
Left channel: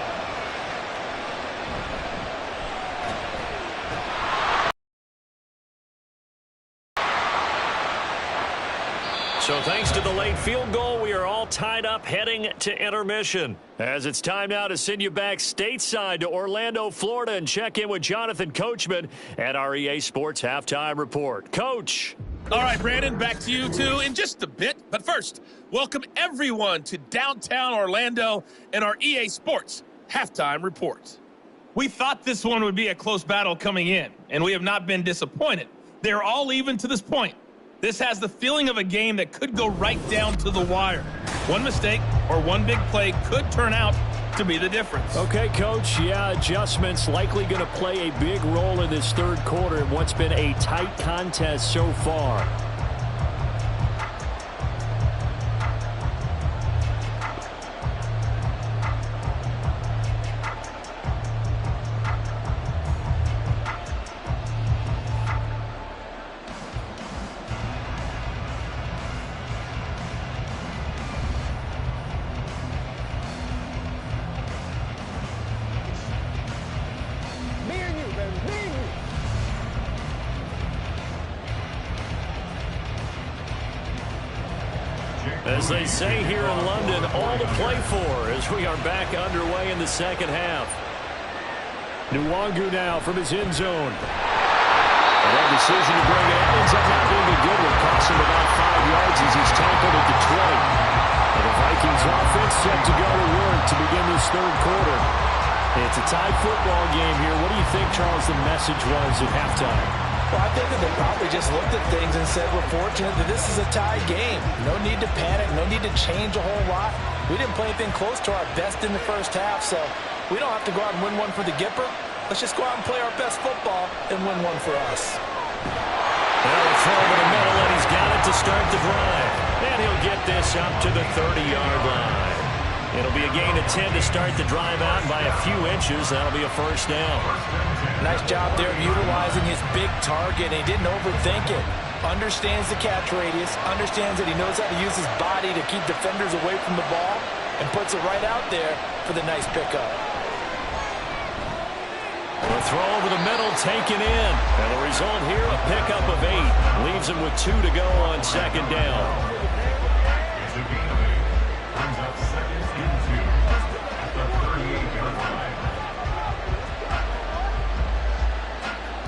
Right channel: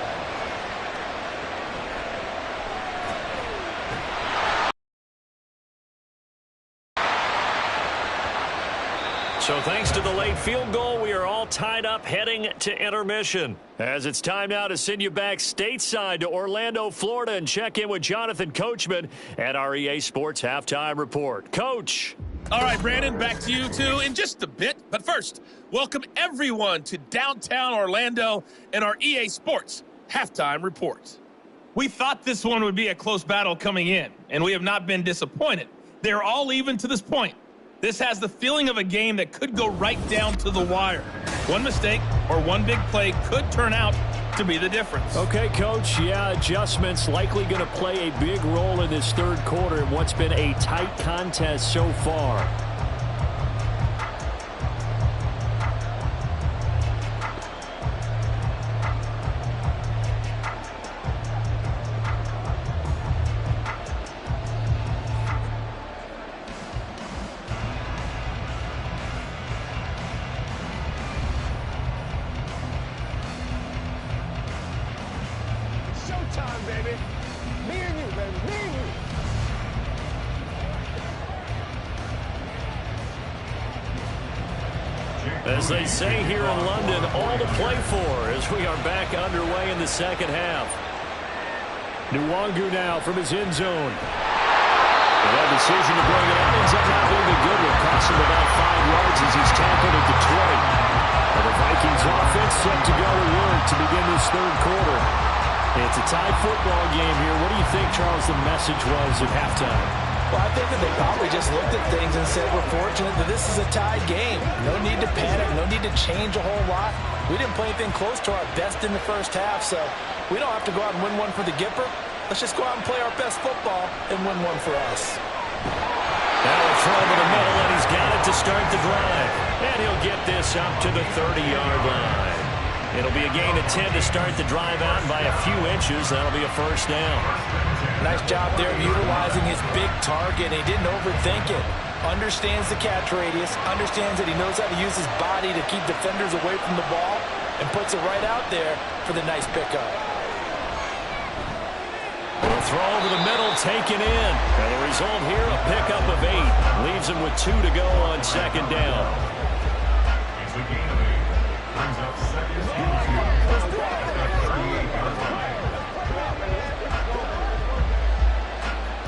So thanks to the late field goal, we are all tied up heading to intermission. As it's time now to send you back stateside to Orlando, Florida, and check in with Jonathan Coachman at our EA Sports Halftime Report. Coach. All right, Brandon, back to you two in just a bit. But first, welcome everyone to downtown Orlando and our EA Sports Halftime Report. We thought this one would be a close battle coming in, and we have not been disappointed. They're all even to this point. This has the feeling of a game that could go right down to the wire. One mistake or one big play could turn out to be the difference. Okay, Coach. Yeah, adjustments likely going to play a big role in this third quarter in what's been a tight contest so far. As they say here in London, all to play for as we are back underway in the second half. Nwangu now from his end zone. And that decision to bring it out ends up not being a good one. Costs him about 5 yards as he's tackled at the 20. And the Vikings offense set to go to work to begin this third quarter. It's a tied football game here. What do you think, Charles, the message was at halftime? Well, I think that they probably just looked at things and said, we're fortunate that this is a tied game. No need to panic, no need to change a whole lot. We didn't play anything close to our best in the first half, so we don't have to go out and win one for the Gipper. Let's just go out and play our best football and win one for us. Now a throw over the middle, and he's got it to start the drive. And he'll get this up to the 30-yard line. It'll be a gain of 10 to start the drive out, and by a few inches, that'll be a first down. Nice job there of utilizing his big target. He didn't overthink it. Understands the catch radius, understands that he knows how to use his body to keep defenders away from the ball, and puts it right out there for the nice pickup. A throw over the middle, taken in. And the result here, a pickup of 8. Leaves him with 2 to go on second down. It's a gain of 8. Brings up second and 2 at the 38-yard line.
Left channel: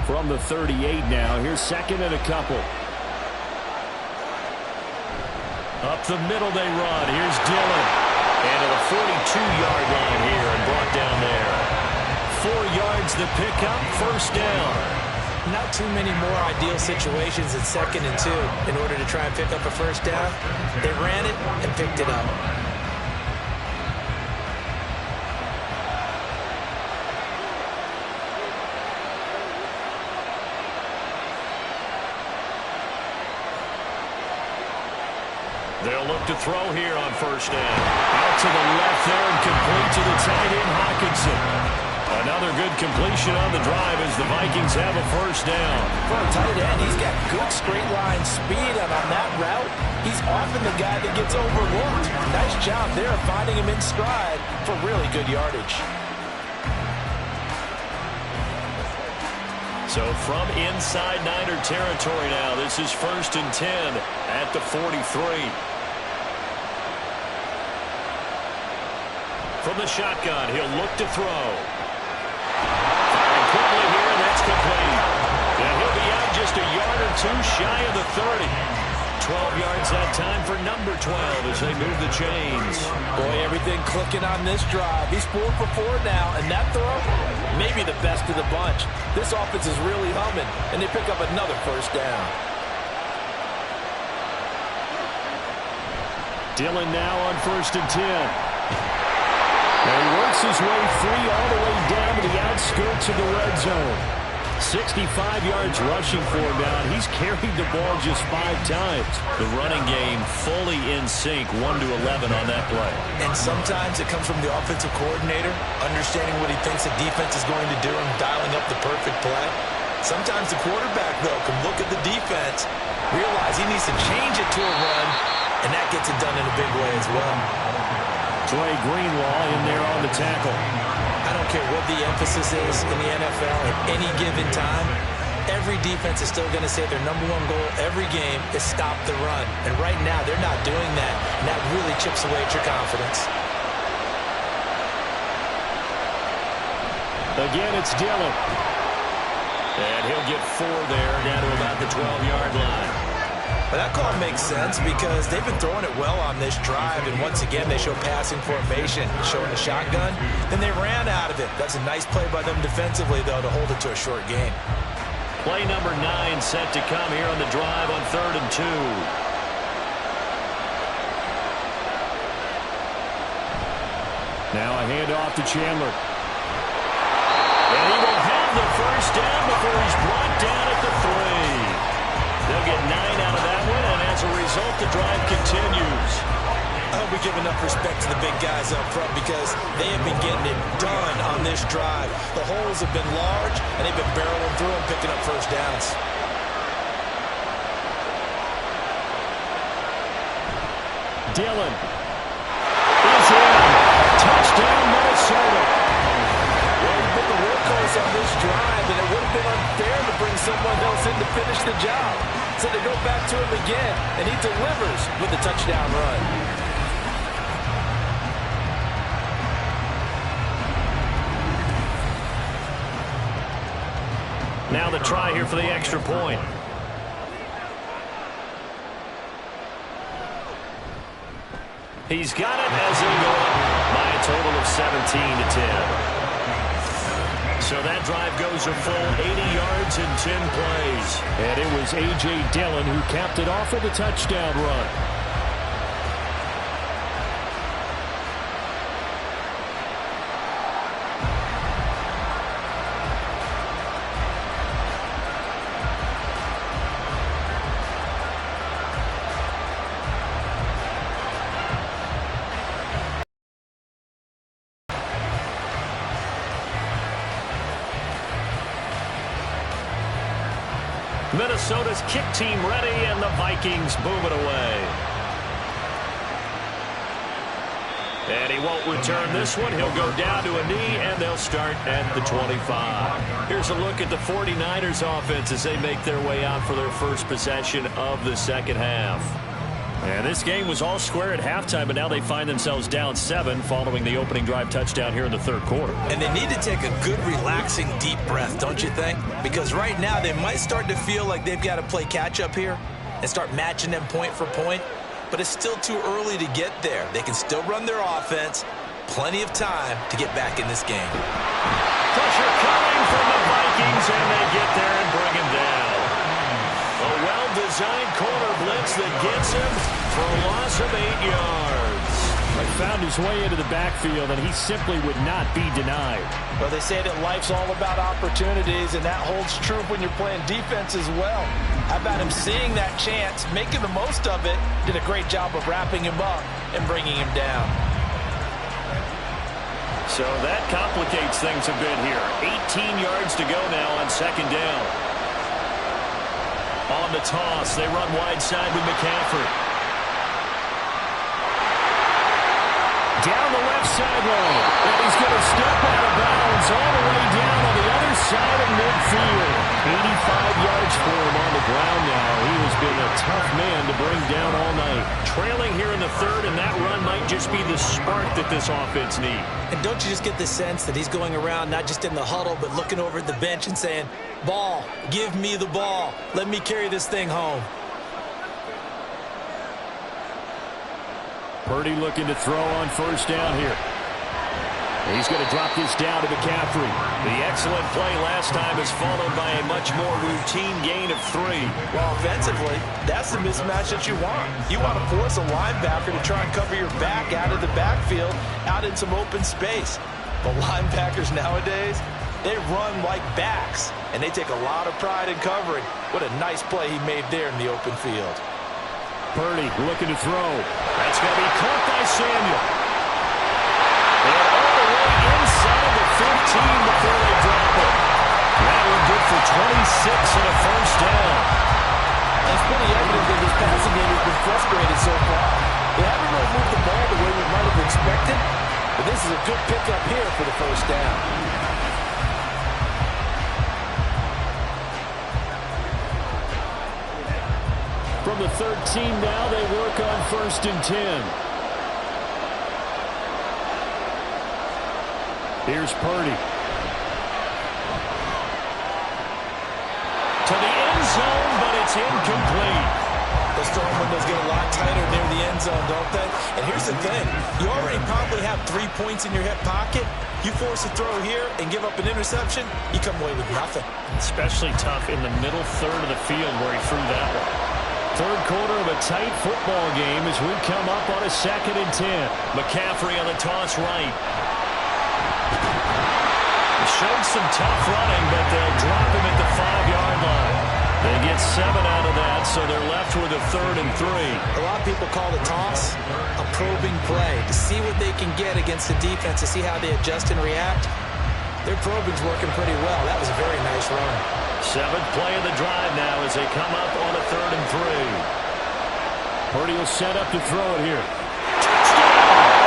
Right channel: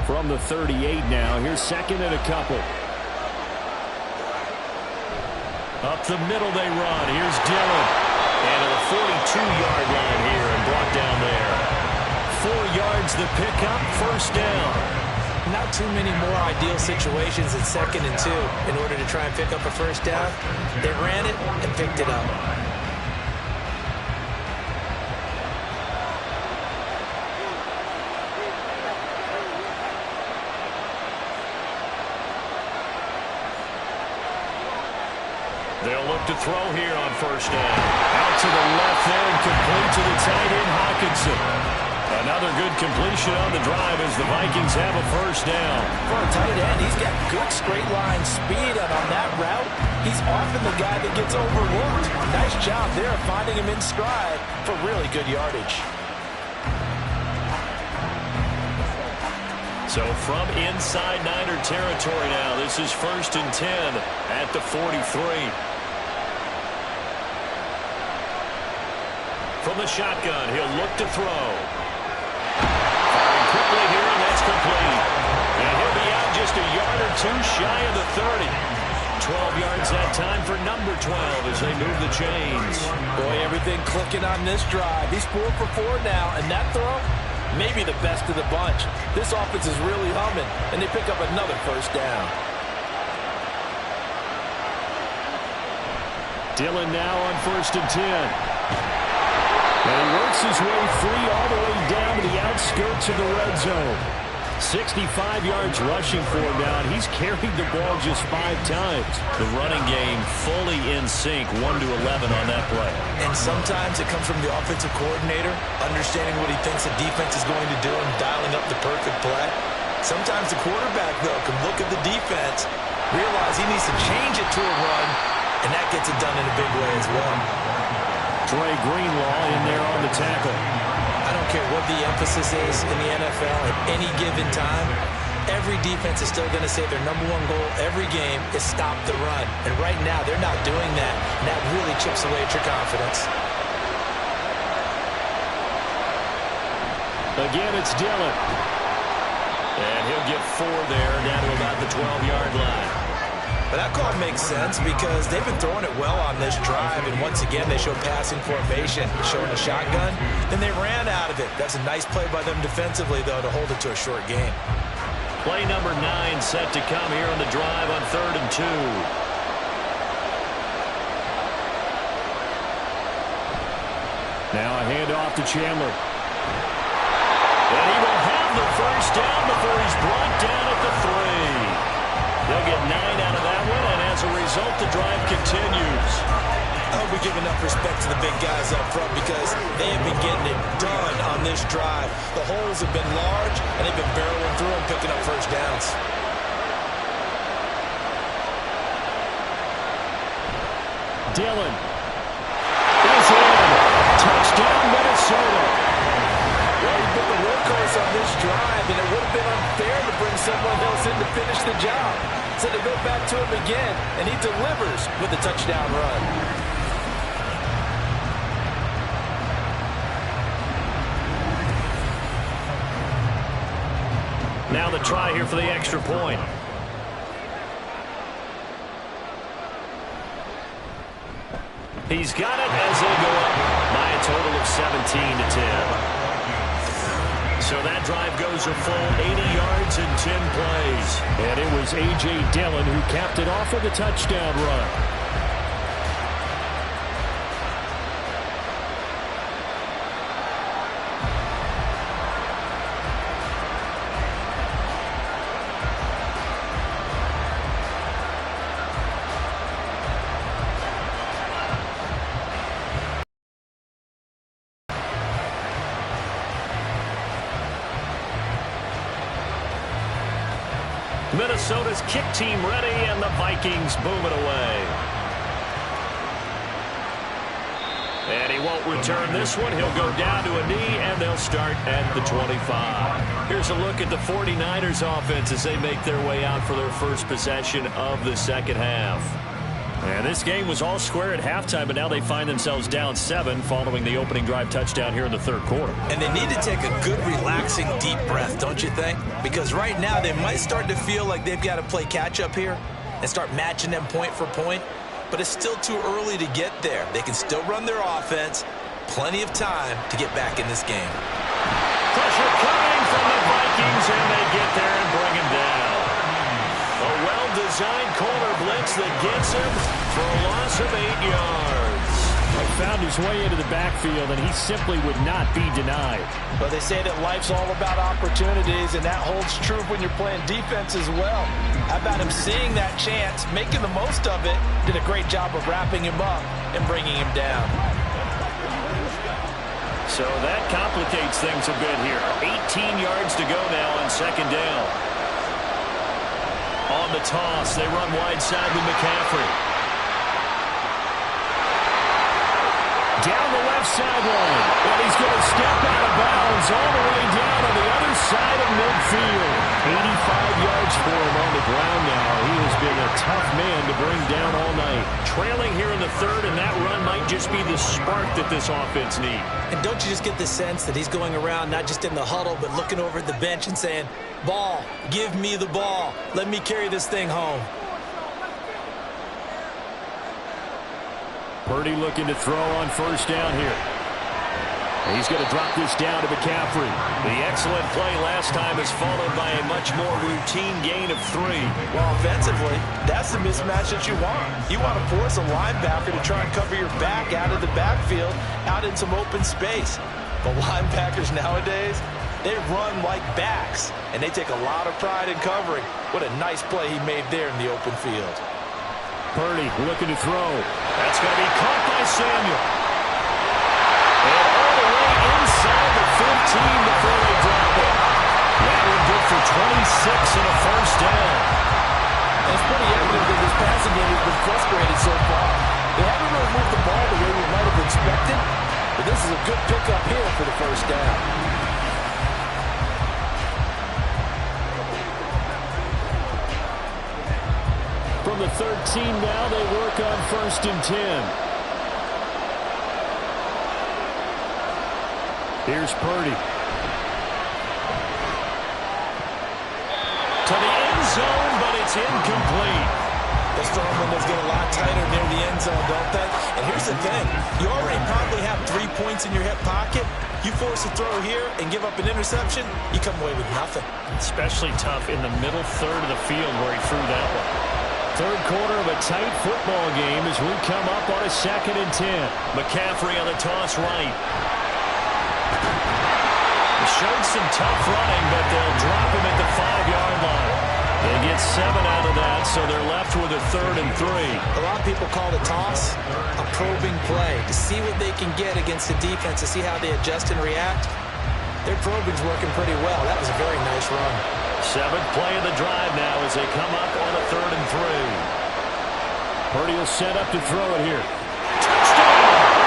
From the 38 now, here's second and a couple. Up the middle they run. Here's Dillon. And to the 42-yard line here and brought down there. 4 yards the pickup, first down. Not too many more ideal situations at second and 2 in order to try and pick up a first down. They ran it and picked it up. They'll look to throw here on first down. Out to the left there and complete to the tight end, Hawkinson. Another good completion on the drive as the Vikings have a first down. For a tight end, he's got good straight line speed, and on that route, he's often the guy that gets overlooked. Nice job there of finding him in stride for really good yardage. So from inside Niner territory now, this is 1st and 10 at the 43. From the shotgun, he'll look to throw. Firing quickly here, and that's complete. Yeah, he'll be out just a yard or 2 shy of the 30. 12 yards that time for number 12 as they move the chains. Boy, everything clicking on this drive. He's 4 for 4 now, and that throw maybe the best of the bunch. This offense is really humming, and they pick up another first down. Dillon now on 1st and 10. And he works his way free all the way down to the outskirts of the red zone. 65 yards rushing for him now, and he's carried the ball just 5 times. The running game fully in sync, 1-11 on that play. And sometimes it comes from the offensive coordinator, understanding what he thinks the defense is going to do and dialing up the perfect play. Sometimes the quarterback, though, can look at the defense, realize he needs to change it to a run, and that gets it done in a big way as well. Dre Greenlaw in there on the tackle. I don't care what the emphasis is in the NFL at any given time. Every defense is still going to say their #1 goal every game is stop the run. And right now, they're not doing that. And that really chips away at your confidence. Again, it's Dillon. And he'll get 4 there, down to about the 12-yard line. But that call makes sense because they've been throwing it well on this drive, and once again they show passing formation, showing the shotgun. Then they ran out of it. That's a nice play by them defensively, though, to hold it to a short gain. Play number 9 set to come here on the drive on 3rd and 2. Now a handoff to Chandler. And he will have the first down before he's brought down at the 3. They'll get 9 out of that one, and as a result, the drive continues. I hope we give enough respect to the big guys up front because they have been getting it done on this drive. The holes have been large, and they've been barreling through and picking up first downs. Dillon is in. Touchdown, Minnesota. Well, he put the workhorse on this drive, and it would have been unfair to bring someone else in to finish the job. So they go back to him again, and he delivers with a touchdown run. Now the try here for the extra point. He's got it as they go up by a total of 17-10. So that drive goes a full 80 yards in 10 plays. And it was A.J. Dillon who capped it off with a touchdown run. Minnesota's kick team ready, and the Vikings boom it away. And he won't return this one. He'll go down to a knee, and they'll start at the 25. Here's a look at the 49ers offense as they make their way out for their first possession of the second half. And this game was all square at halftime, but now they find themselves down 7 following the opening drive touchdown here in the third quarter. And they need to take a good, relaxing, deep breath, don't you think? Because right now they might start to feel like they've got to play catch-up here and start matching them point for point. But it's still too early to get there. They can still run their offense. Plenty of time to get back in this game. Pressure coming from the Vikings, and they get there and bring him down. A well-designed corner blitz that gets him for a loss of 8 yards. He found his way into the backfield, and he simply would not be denied. Well, they say that life's all about opportunities, and that holds true when you're playing defense as well. How about him seeing that chance, making the most of it, did a great job of wrapping him up and bringing him down. So that complicates things a bit here. 18 yards to go now on second down. On the toss, they run wide side with McCaffrey. Down the left sideline, and he's going to step out of bounds all the way down on the other side of midfield. 85 yards for him on the ground now. He has been a tough man to bring down all night. Trailing here in the third, and that run might just be the spark that this offense needs. And don't you just get the sense that he's going around not just in the huddle, but looking over at the bench and saying, ball, give me the ball. Let me carry this thing home. Purdy looking to throw on first down here. He's going to drop this down to McCaffrey. The excellent play last time is followed by a much more routine gain of 3. Well, offensively, that's the mismatch that you want. You want to force a linebacker to try and cover your back out of the backfield, out in some open space. But linebackers nowadays, they run like backs, and they take a lot of pride in covering. What a nice play he made there in the open field. Purdy looking to throw. That's going to be caught by Samuel. And all the way inside the 15 before they drop it. That one good for 26 and a first down. And it's pretty evident that this passing game has been frustrated so far. They haven't really moved the ball the way we might have expected, but this is a good pickup here for the first down. From the 13 now, they work on 1st and 10. Here's Purdy. To the end zone, but it's incomplete. Those throwing windows get a lot tighter near the end zone, don't they? And here's the thing. You already probably have 3 points in your hip pocket. You force a throw here and give up an interception, you come away with nothing. Especially tough in the middle third of the field where he threw that one. Third quarter of a tight football game as we come up on a 2nd and 10. McCaffrey on the toss right. They showed some tough running, but they'll drop him at the 5-yard line. They get 7 out of that, so they're left with a 3rd and 3. A lot of people call the toss a probing play to see what they can get against the defense, to see how they adjust and react. Their probing's working pretty well. That was a very nice run. 7th play of the drive now as they come up on a 3rd and 3. Purdy will set up to throw it here. Touchdown!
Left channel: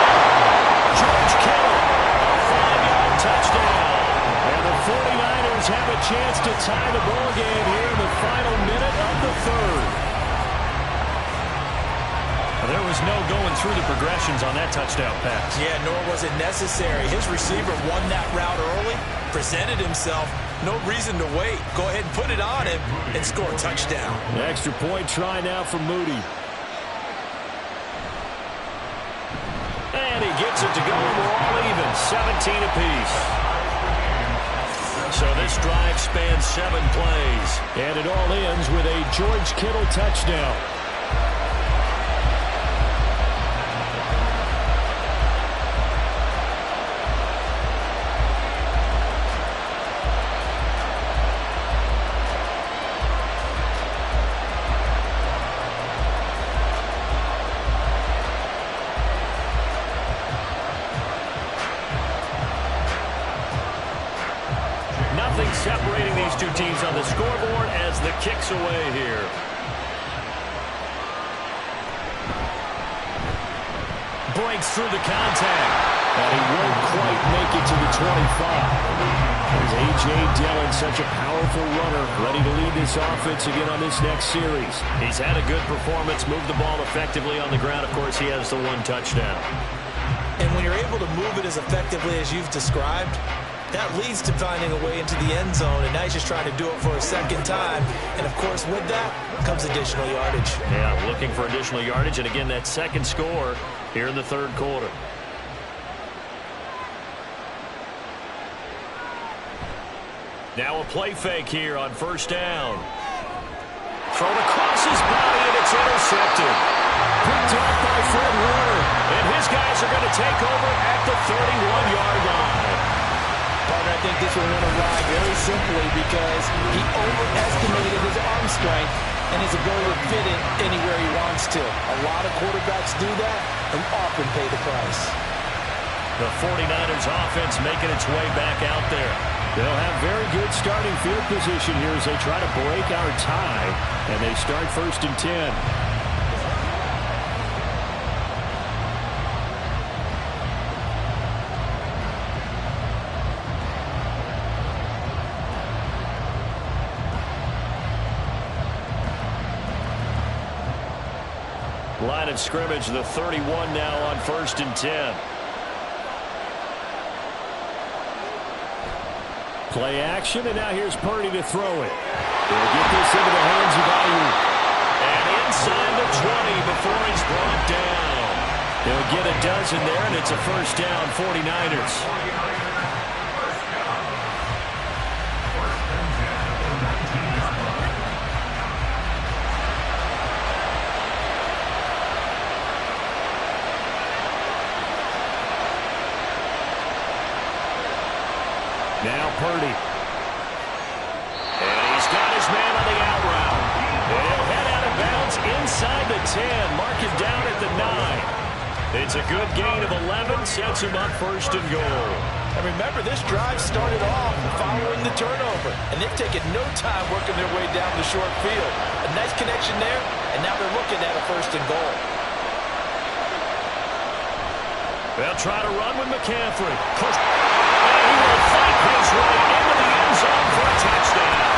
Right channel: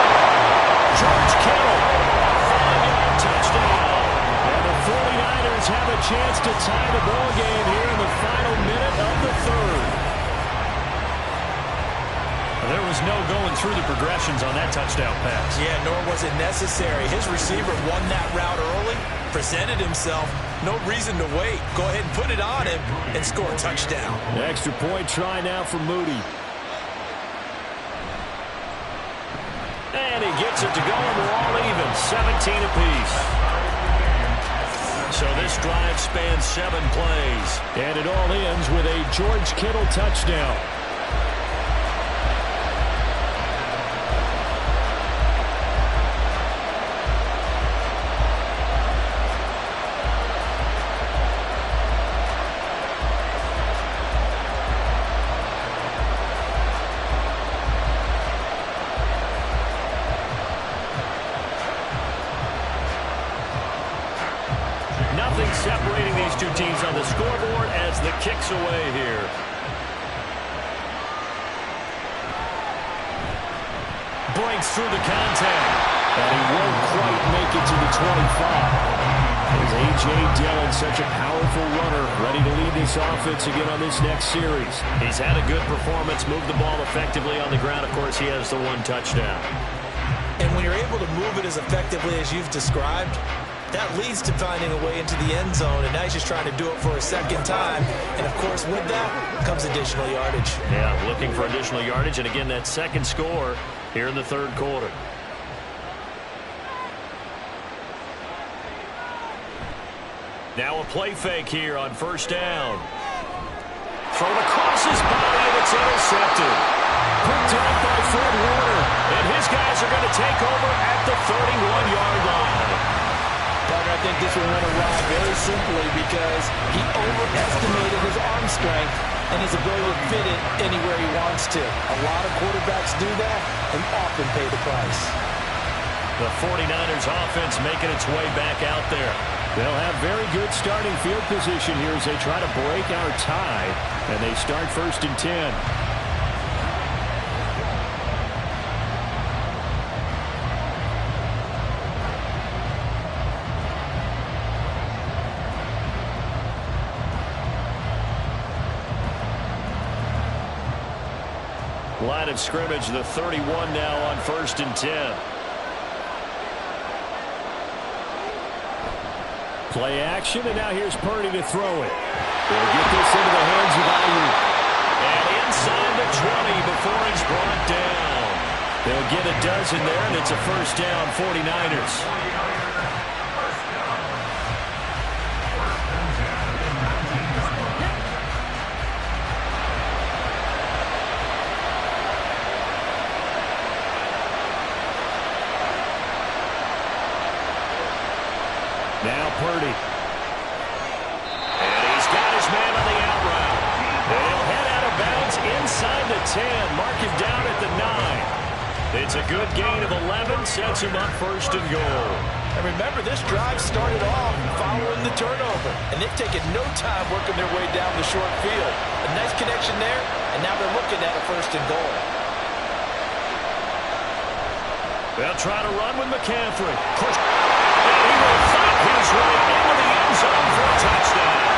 George Kittle, a 5-yard touchdown. And the 49ers have a chance to tie the ball game here in the final minute of the 3rd. There was no going through the progressions on that touchdown pass. Yeah, nor was it necessary. His receiver won that route early, presented himself. No reason to wait. Go ahead and put it on him and score a touchdown. An extra point try now for Moody. And he gets it to go, and we're all even, 17 apiece. So this drive spans 7 plays. And it all ends with a George Kittle touchdown. Nothing separating these two teams on the scoreboard as the kick's away here. Breaks through the contact. And he won't quite make it to the 25. As A.J. Dillon, such a powerful runner, ready to lead this offense again on this next series. He's had a good performance, moved the ball effectively on the ground. Of course, he has the 1 touchdown. And when you're able to move it as effectively as you've described, that leads to finding a way into the end zone, and now he's just trying to do it for a 2nd time. And, of course, with that comes additional yardage. Yeah, looking for additional yardage, and again, that 2nd score here in the 3rd quarter. Now a play fake here on 1st down. Thrown across his body, and it's intercepted. Picked off by Fred Warner, and his guys are going to take over at the 31-yard line. Partner, I think this one went awry very simply because he overestimated his arm strength and his ability to fit it anywhere he wants to. A lot of quarterbacks do that and often pay the price. The 49ers offense making its way back out there. They'll have very good starting field position here as they try to break our tie, and they start 1st and 10. Line of scrimmage, the 31 now on 1st and 10. Play action, and now here's Purdy to throw it. They'll get this into the hands of Ayuk. And inside the 20 before he's brought down. He'll get a dozen there, and it's a first down, 49ers. Now Purdy. And he's got his man on the out route. And he'll head out of bounds inside the 10. Mark him down at the 9. It's a good gain of 11. Sets him up first and goal. And remember, this drive started off following the turnover. And they've taken no time working their way down the short field. A nice connection there. And now they're looking at a first and goal. They'll try to run with McCaffrey. Push. And he will fight his way into the end zone for a touchdown.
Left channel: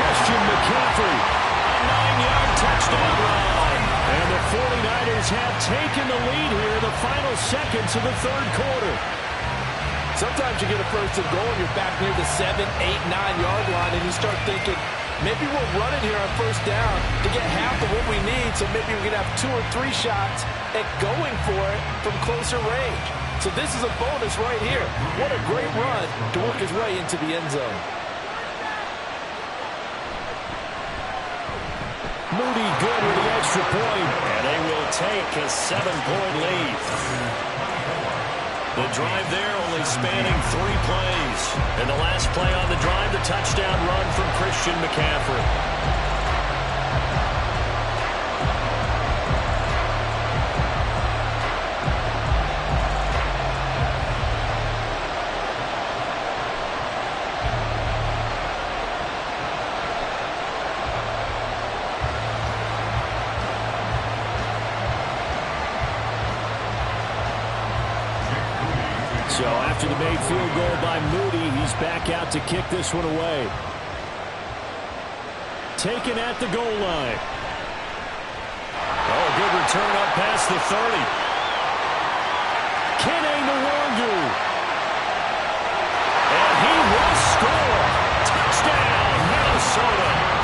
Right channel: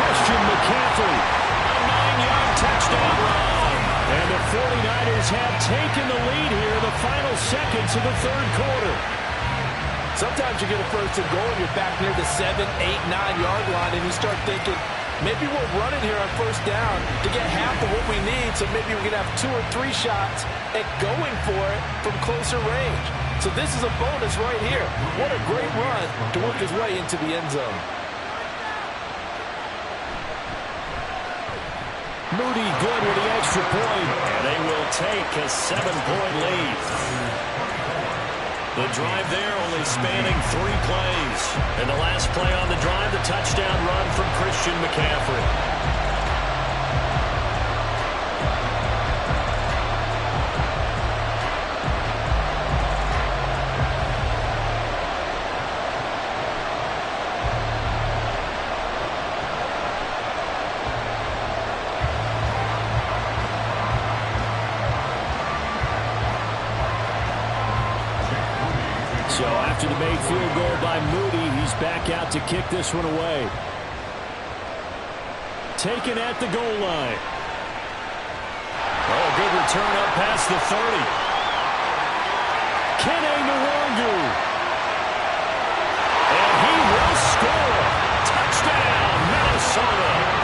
Christian McCaffrey, a 9-yard touchdown run. And the 49ers have taken the lead here in the final seconds of the third quarter. Sometimes you get a first and goal and you're back near the 7, 8, 9-yard line and you start thinking, maybe we're running here on first down to get half of what we need, so maybe we can have 2 or 3 shots at going for it from closer range. So this is a bonus right here. What a great run to work his way into the end zone. Moody good with the extra point, and they will take a 7-point lead. The drive there only spanning 3 plays. And the last play on the drive, the touchdown run from Christian McCaffrey. So after the made field goal by Moody, he's back out to kick this one away. Taken at the goal line. Oh, good return up past the 30. Kene Nwangu. And he will score. Touchdown, Minnesota.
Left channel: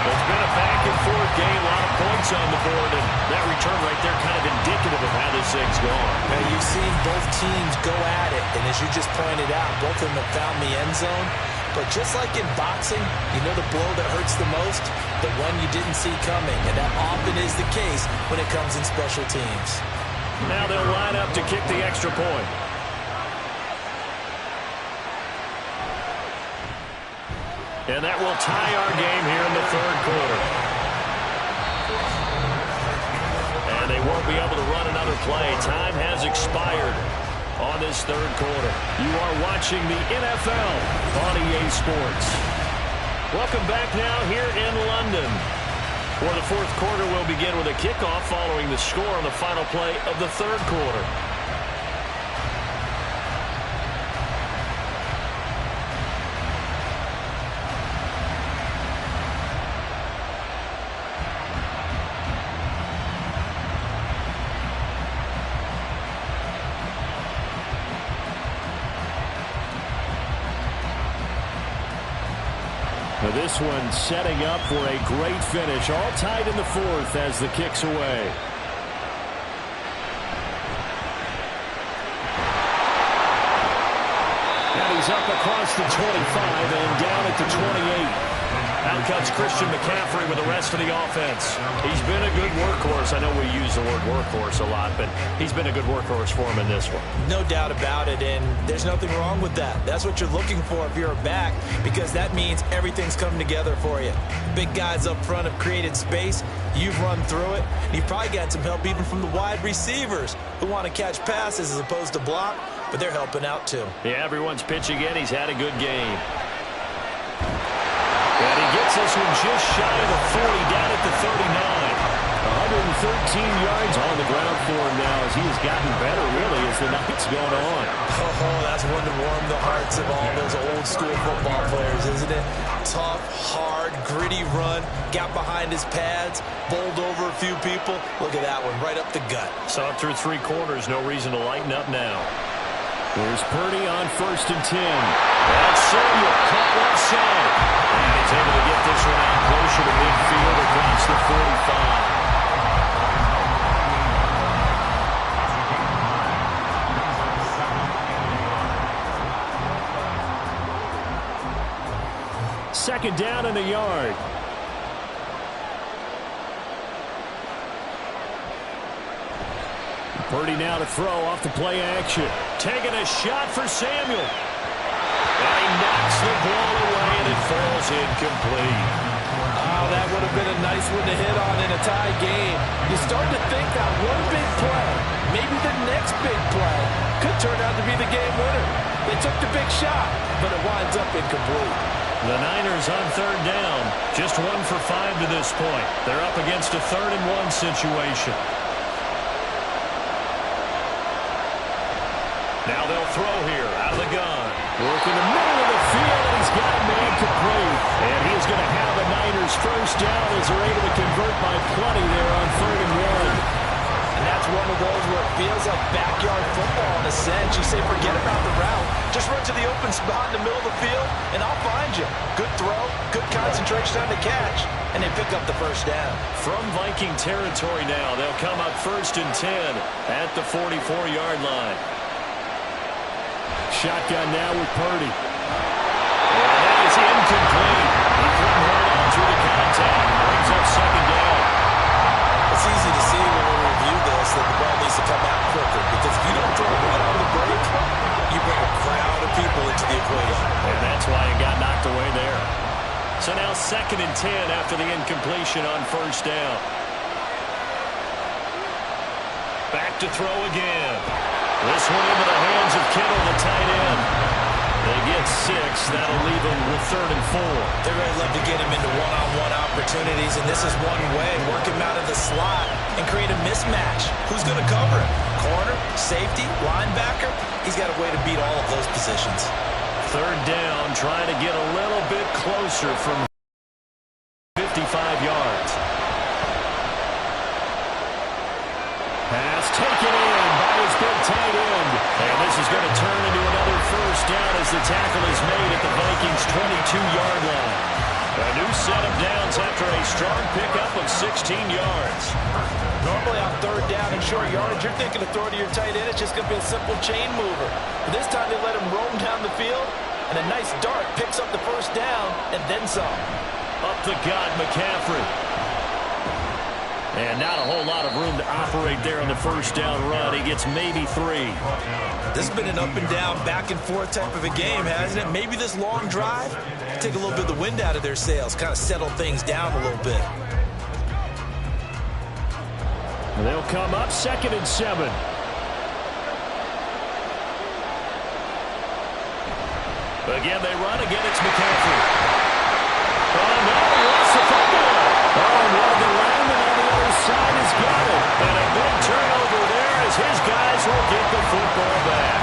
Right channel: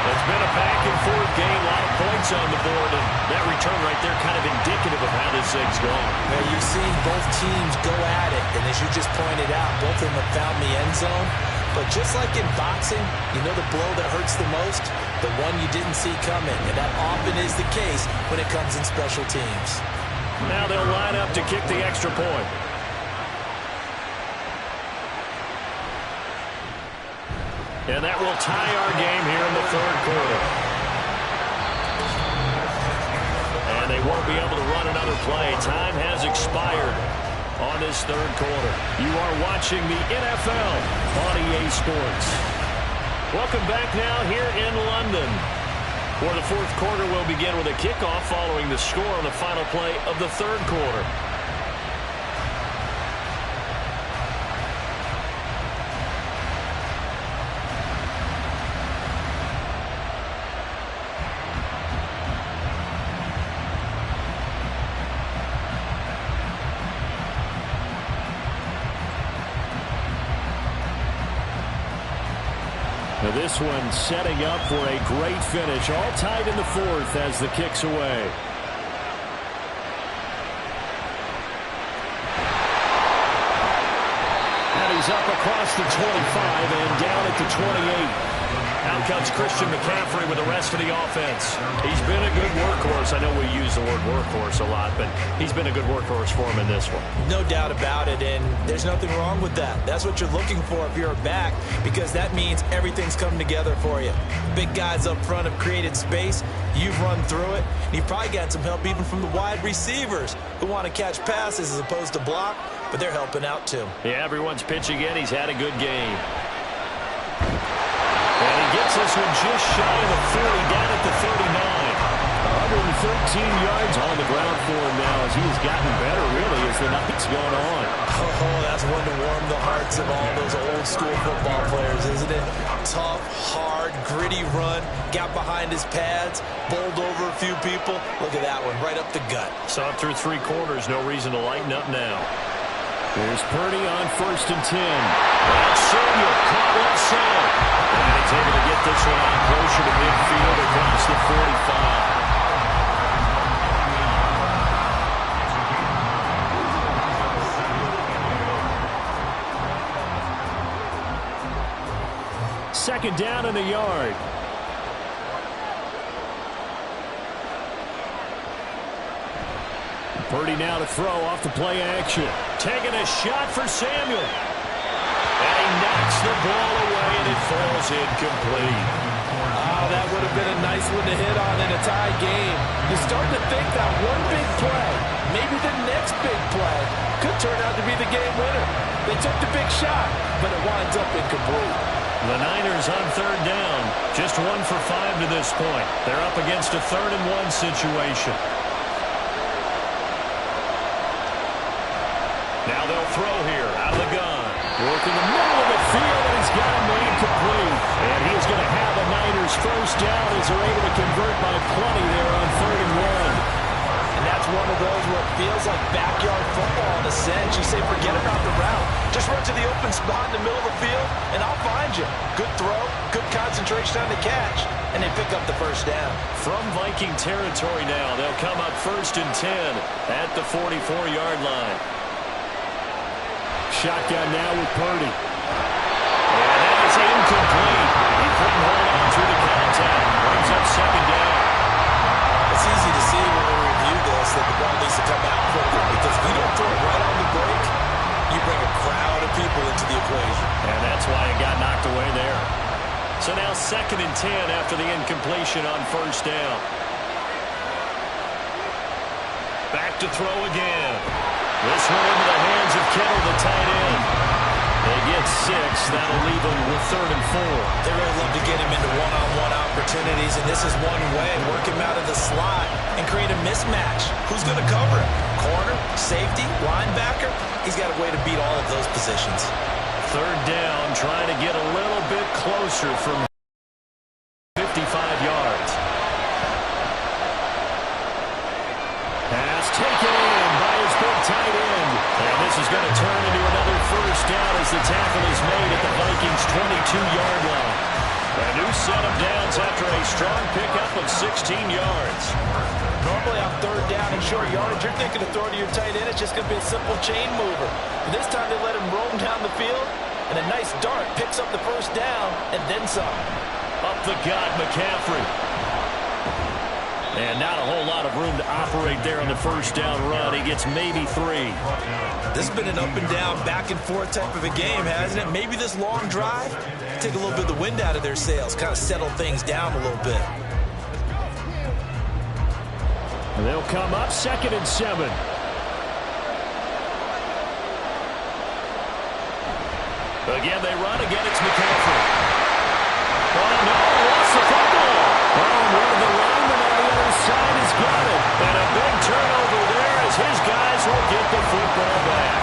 It's been a back-and-forth game, a lot of points on the board, and that return right there kind of indicative of how this thing's gone. Now, you've seen both teams go at it, and as you just pointed out, both of them have found the end zone. But just like in boxing, you know the blow that hurts the most? The one you didn't see coming, and that often is the case when it comes in special teams. Now they'll line up to kick the extra point. And that will tie our game here in the third quarter. And they won't be able to run another play. Time has expired on this third quarter. You are watching the NFL on EA Sports. Welcome back now here in London, where the fourth quarter will begin with a kickoff following the score on the final play of the third quarter. Now this one setting up for a great finish. All tied in the fourth as the kick's away. And he's up across the 25 and down at the 28. Out comes Christian McCaffrey with the rest of the offense. He's been a good workhorse. I know we use the word workhorse a lot, but he's been a good workhorse for him in this one. No doubt about it, and there's nothing wrong with that. That's what you're looking for if you're a back, because that means everything's come together for you. Big guys up front have created space. You've run through it. And you've probably got some help even from the wide receivers who want to catch passes as opposed to block, but they're helping out too. Yeah, everyone's pitching in. He's had a good game. And he gets this one just shy of the 40, down at the 39. 113 yards on the ground for him now as he has gotten better, really, as the night's gone on. Oh, that's one to warm the hearts of all those old-school football players, isn't it? Tough, hard, gritty run, got behind his pads, bowled over a few people. Look at that one, right up the gut. Saw it through 3 quarters, no reason to lighten up now. Here's Purdy on 1st and 10. That's Samuel caught left side. And he's able to get this one out closer to midfield across the 45. Second down and a yard. Purdy now to throw off the play action. Taking a shot for Samuel. And he knocks the ball away, and it falls incomplete. Oh, that would have been a nice one to hit on in a tie game. You start to think that one big play, maybe the next big play, could turn out to be the game winner. They took the big shot, but it winds up incomplete. The Niners on third down. Just 1 for 5 to this point. They're up against a 3rd-and-1 situation. Now they'll throw here out of the gun. Working the middle of the field, and he's got a man complete. And he's going to have a Niners first down as they're able to convert by plenty there on 3rd and 1. And that's one of those where it feels like backyard football in a sense. You say, forget about the route. Just run to the open spot in the middle of the field, and I'll find you. Good throw, good concentration on the catch, and they pick up the first down. From Viking territory now, they'll come up 1st and 10 at the 44-yard line. Shotgun now with Purdy. And that is incomplete. He couldn't hold on through the contact. Brings up 2nd down. It's easy to see when we review this that the ball needs to come out quicker, because if you don't throw it right on the break, you bring a crowd of people into the equation. And that's why it got knocked away there. So now 2nd and 10 after the incompletion on 1st down. Back to throw again. This one into the hands of Kittle, the tight end. They get 6. That'll leave them with 3rd and 4. They really love to get him into one-on-one opportunities, and this is one way. Work him out of the slot and create a mismatch. Who's going to cover him? Corner, safety, linebacker? He's got a way to beat all of those positions. 3rd down, trying to get a little bit closer from 55 yards. Pass taken in by his big tight end. And this is going to turn into another first down as the tackle is made at the Vikings' 22-yard line. A new set of downs after a strong pickup of 16 yards. Normally on 3rd down and short yardage, you're thinking to throw to your tight end. It's just going to be a simple chain mover. But this time they let him roam down the field, and a nice dart picks up the first down and then some. Up the gut, McCaffrey. And not a whole lot of room to operate there on the first down run. He gets maybe 3. This has been an up and down, back and forth type of a game, hasn't it? Maybe this long drive, take a little bit of the wind out of their sails, kind of settle things down a little bit. And they'll come up 2nd and 7. Again, they run. Again, it's McCaffrey. Oh, no, he lost the football. Oh, and one of the linemen on the other side has got it. And a big turnover there as his guys will get the football back.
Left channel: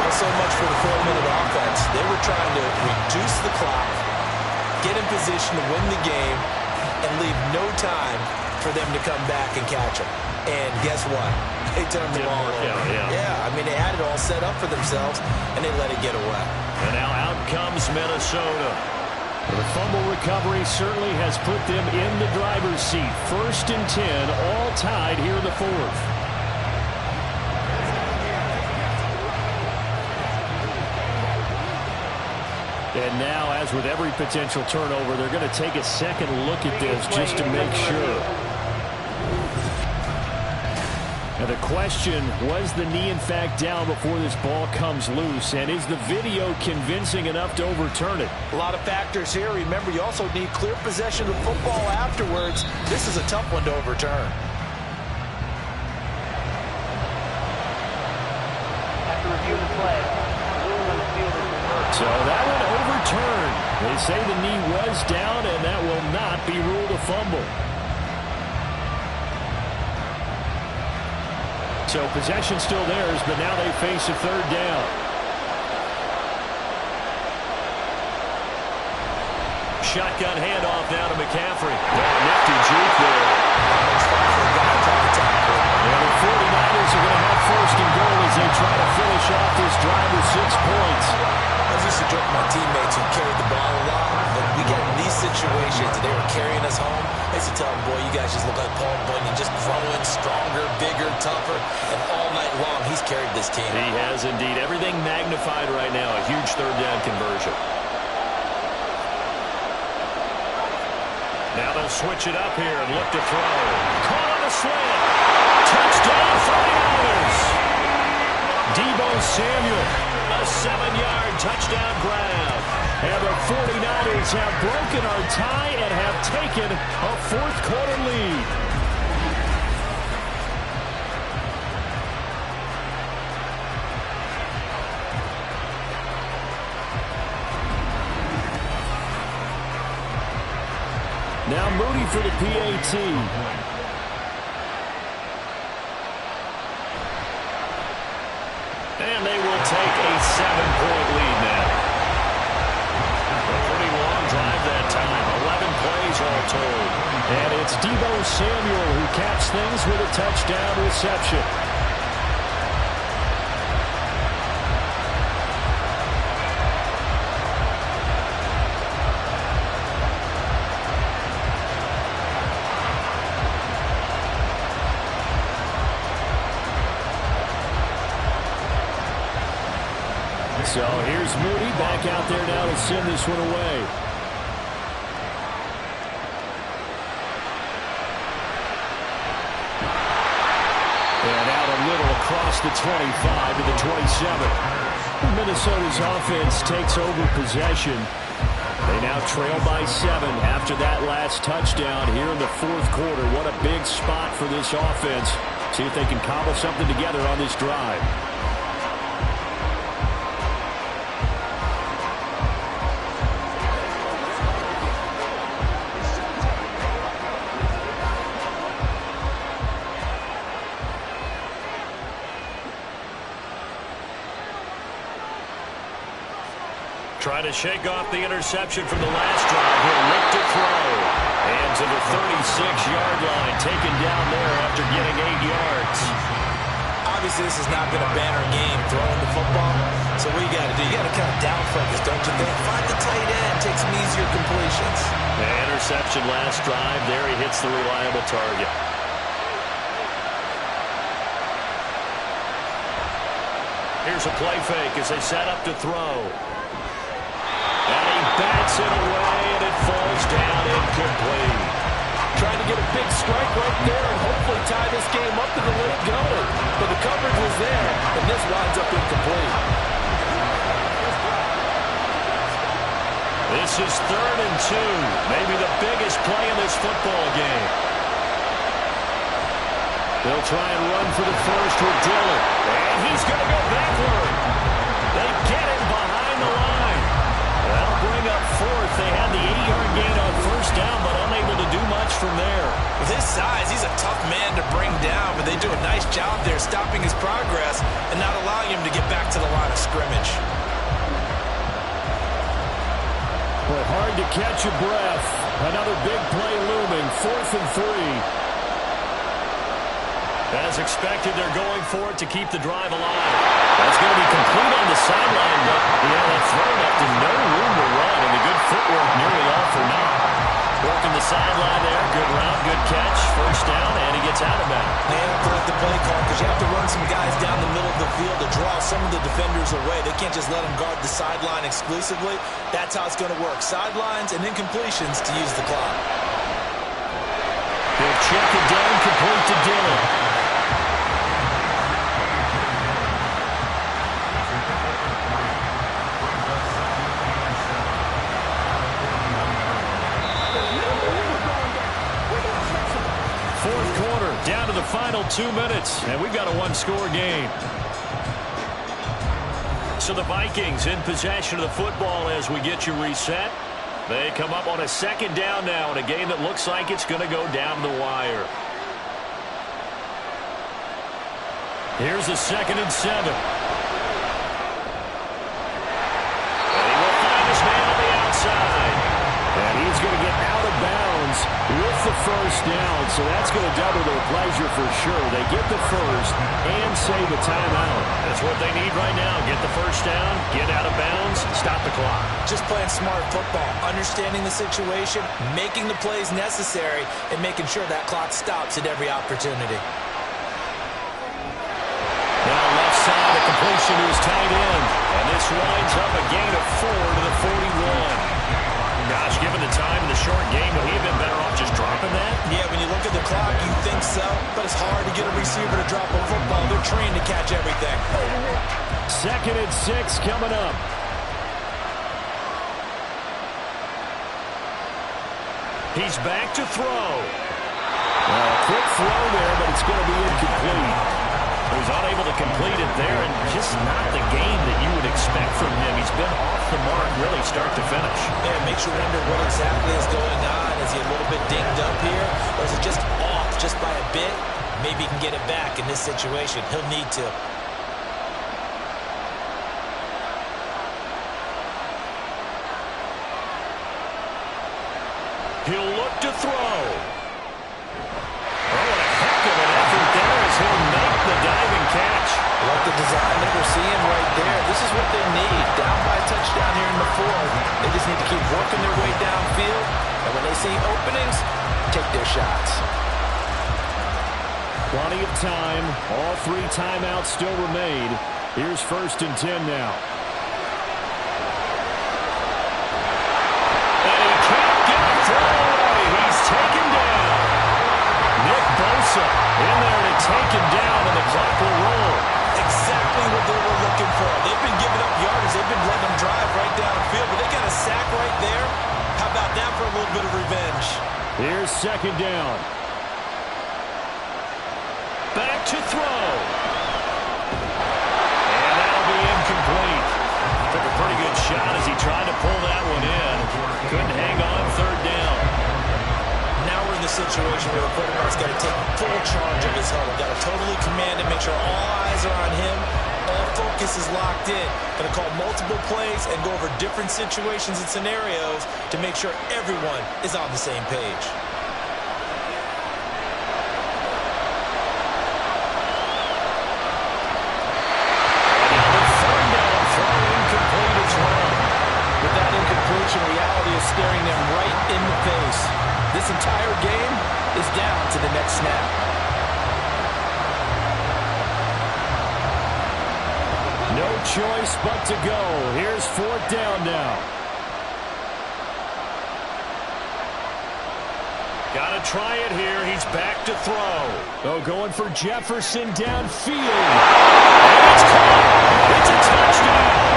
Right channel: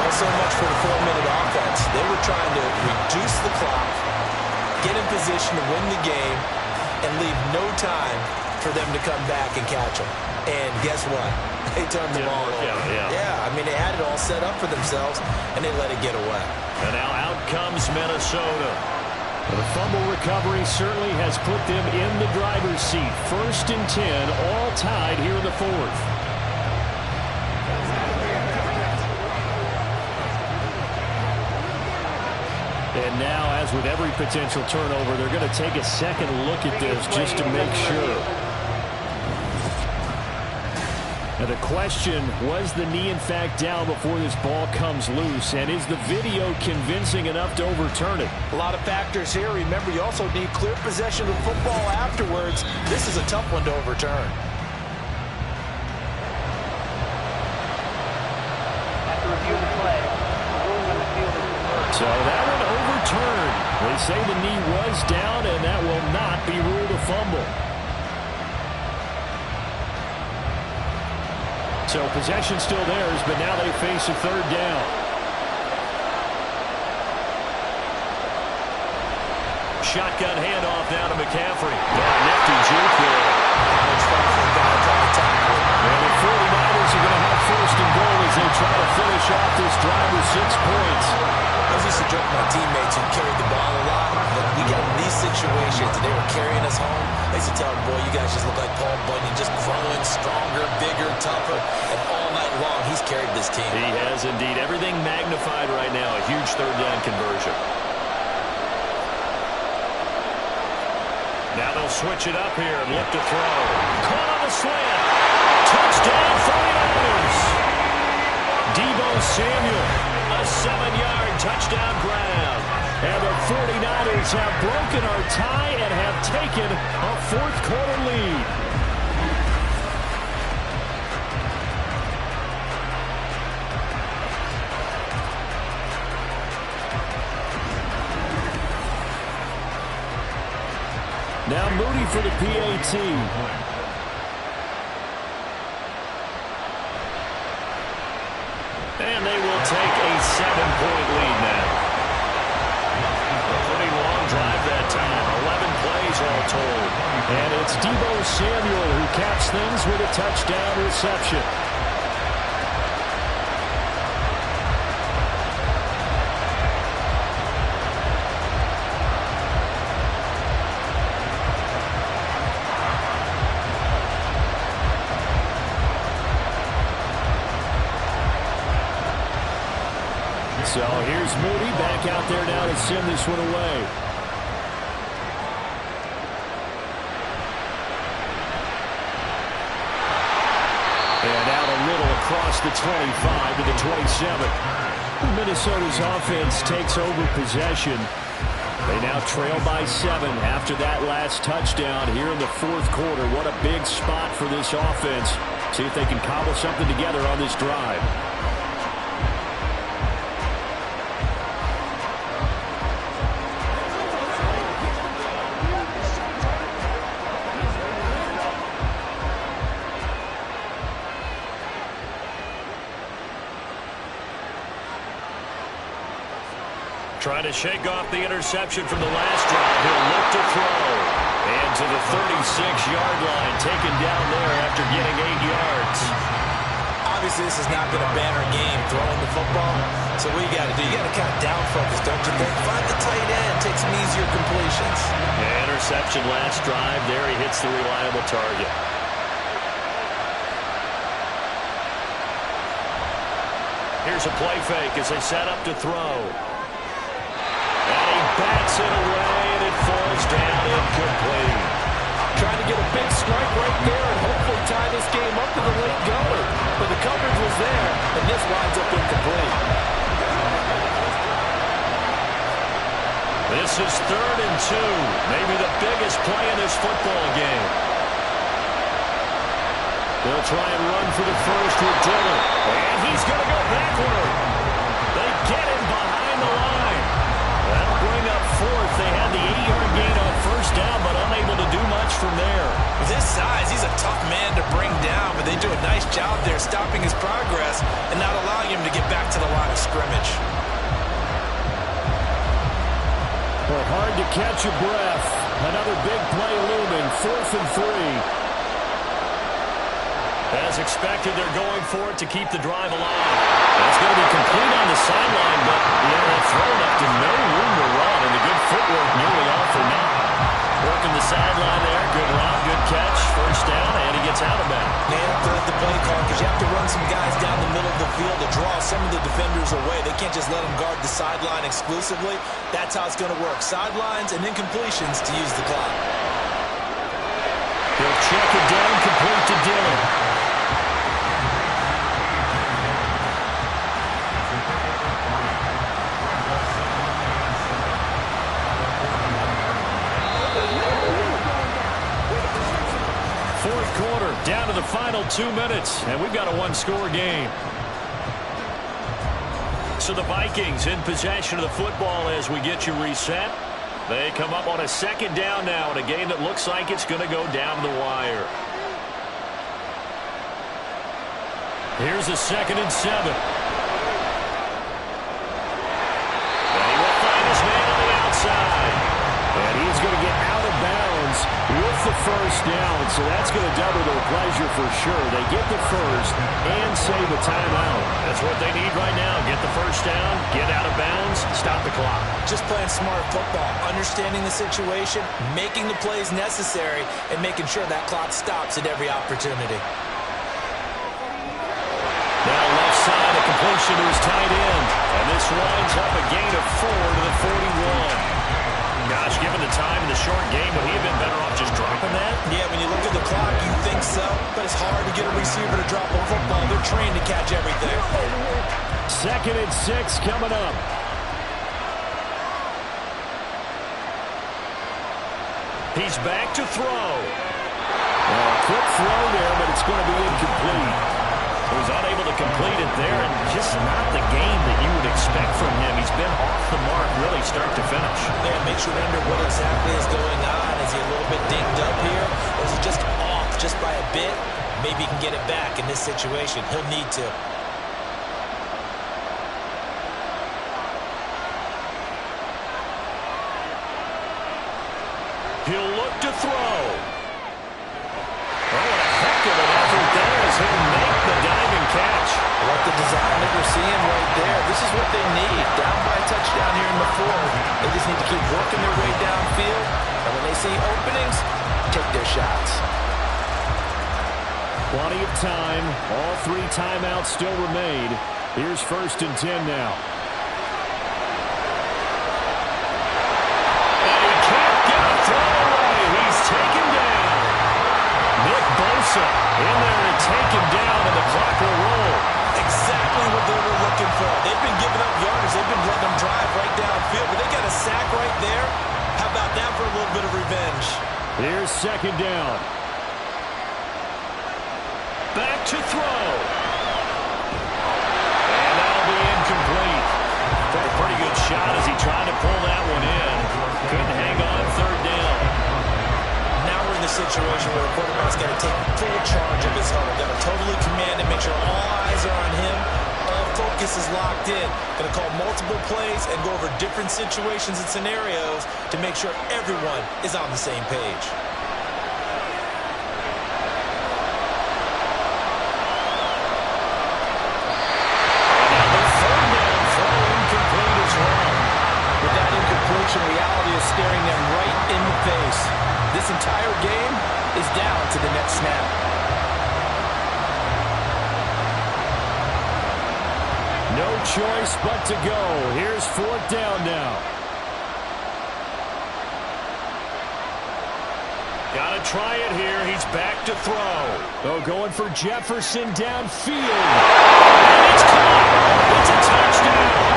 Well, so much for the 4-minute offense. They were trying to reduce the clock, get in position to win the game, and leave no time for them to come back and catch them. And guess what? They turned the ball over. Yeah, I mean, they had it all set up for themselves, and they let it get away. And now out comes Minnesota. The fumble recovery certainly has put them in the driver's seat. 1st and 10, all tied here in the 4th. And now, as with every potential turnover, they're going to take a second look at this just to make sure. Now the question, was the knee in fact down before this ball comes loose? And is the video convincing enough to overturn it? A lot of factors here. Remember, you also need clear possession of football afterwards. This is a tough one to overturn. After review the play, the ruling on the field is reversed. So that one overturned. They say the knee was down, and that will not be ruled a fumble. So possession still theirs, but now they face a 3rd down. Shotgun handoff now to McCaffrey. Nifty juke there. How much fun for a guy trying to tackle. And the 49ers are going to have 1st and goal as they try to finish off this drive with 6 points. I was used to joke with my teammates who carried the ball a lot, but we got in these situations and they were carrying us home. I used to tell them, boy, you guys just look like Paul Bunyan, just growing stronger, bigger, tougher, and all night long he's carried this team. He has indeed. Everything magnified right now. A huge 3rd down conversion. Now they'll switch it up here and look to throw. Caught on a slant. Touchdown 49ers. Deebo Samuel, a 7-yard touchdown grab. And the 49ers have broken our tie and have taken a fourth-quarter lead. Now Moody for the PAT. And they will take a 7-point lead now. A pretty long drive that time. 11 plays all told. And it's Deebo Samuel who caps things with a touchdown reception. So here's Moody back out there now to send this one away. And out a little across the 25 to the 27. Minnesota's offense takes over possession. They now trail by 7 after that last touchdown here in the fourth quarter. What a big spot for this offense. See if they can cobble something together on this drive. Trying to shake off the interception from the last drive. He'll look to throw. And to the 36-yard line, taken down there after getting 8 yards. Obviously, this is not been a banner game throwing the football. So what you got to do, you got to kind of down focus, don't you think? Find the tight end, take some easier completions. Yeah, interception last drive. There he hits the reliable target. Here's a play fake as they set up to throw. And he bats it away, and it falls down incomplete. Trying to get a big strike right there and hopefully tie this game up in the late going. But the coverage was there, and this winds up incomplete. This is 3rd and 2. Maybe the biggest play in this football game. They'll try and run for the first with Dillon. And he's going to go backward. They get him behind the line. That'll bring up 4th. They had the 8-yard gain on first down, but unable to do much from there. With his size, he's a tough man to bring down, but they do a nice job there stopping his progress and not allowing him to get back to the line of scrimmage. Boy, hard to catch your breath. Another big play looming. 4th and 3. As expected, they're going for it to keep the drive alive. That's going to be complete on the sideline, but that throw left him no room to run, and the good footwork nearly all for naught. Working the sideline there. Good route, good catch. First down, and he gets out of bounds. They have to let the play call because you have to run some guys down the middle of the field to draw some of the defenders away. They can't just let them guard the sideline exclusively. That's how it's going to work. Sidelines and incompletions to use the clock. He'll check it down, complete to Dillon. Fourth quarter, down to the final 2 minutes, and we've got a one-score game. So the Vikings in possession of the football as we get you reset. They come up on a 2nd down now in a game that looks like it's going to go down the wire. Here's a 2nd and 7. And he will find his man on the outside. And he's going to get out of bounds with the first down. So that's going to double their pleasure for sure. They get the first and save a timeout. That's what they need right now. Get the first down, get out of bounds, stop the clock. Just playing smart football, understanding the situation, making the plays necessary, and making sure that clock stops at every opportunity. Now left side, a completion to his tight end. And this winds up a gain of 4 to the 41. Gosh, given the time in the short game, would he have been better off Yeah, when you look at the clock, you think so, but it's hard to get a receiver to drop a football. They're trained to catch everything. 2nd and 6 coming up. He's back to throw. Well, a quick throw there, but it's going to be incomplete. So he's unable to complete it there, and just not the game that you would expect from him. He's been off the mark really start to finish. Yeah, it makes you wonder what exactly is going on. Is he a little bit dinged up here, or is it just off just by a bit? Maybe he can get it back in this situation. He'll need to. He'll look to throw. Oh, what a heck of an effort there as he'll make the diving catch. I like the design that we're seeing right there. This is what they need. Down by a touchdown here in the 4th. They just need to keep working their way downfield. And when they see openings, take their shots. Plenty of time. All 3 timeouts still remain. Here's 1st and 10 now. And he can't get a throw away. He's taken down. Nick Bosa in there to take him down, and the clock will roll. Exactly what they were looking for. They've been giving up yardage. They've been letting them drive right downfield, but they got a sack right there. How about that for a little bit of revenge? Here's 2nd down. Back to throw. And that'll be incomplete. Took a pretty good shot as he tried to pull that one in. Couldn't hang on 3rd down. Now we're in the situation where the quarterback's got to take full charge of his huddle. Got to totally command it, make sure all eyes are on him. All focus is locked in. Going to call multiple plays and go over different situations and scenarios to make sure everyone is on the same page. And now the 3rd down throw incomplete as well. With that incompletion, reality is staring them right in the face. This entire game is down to the next snap. No choice but to go. Here's 4th down now. Got to try it here. He's back to throw. Oh, going for Jefferson downfield. And it's caught. It's a touchdown.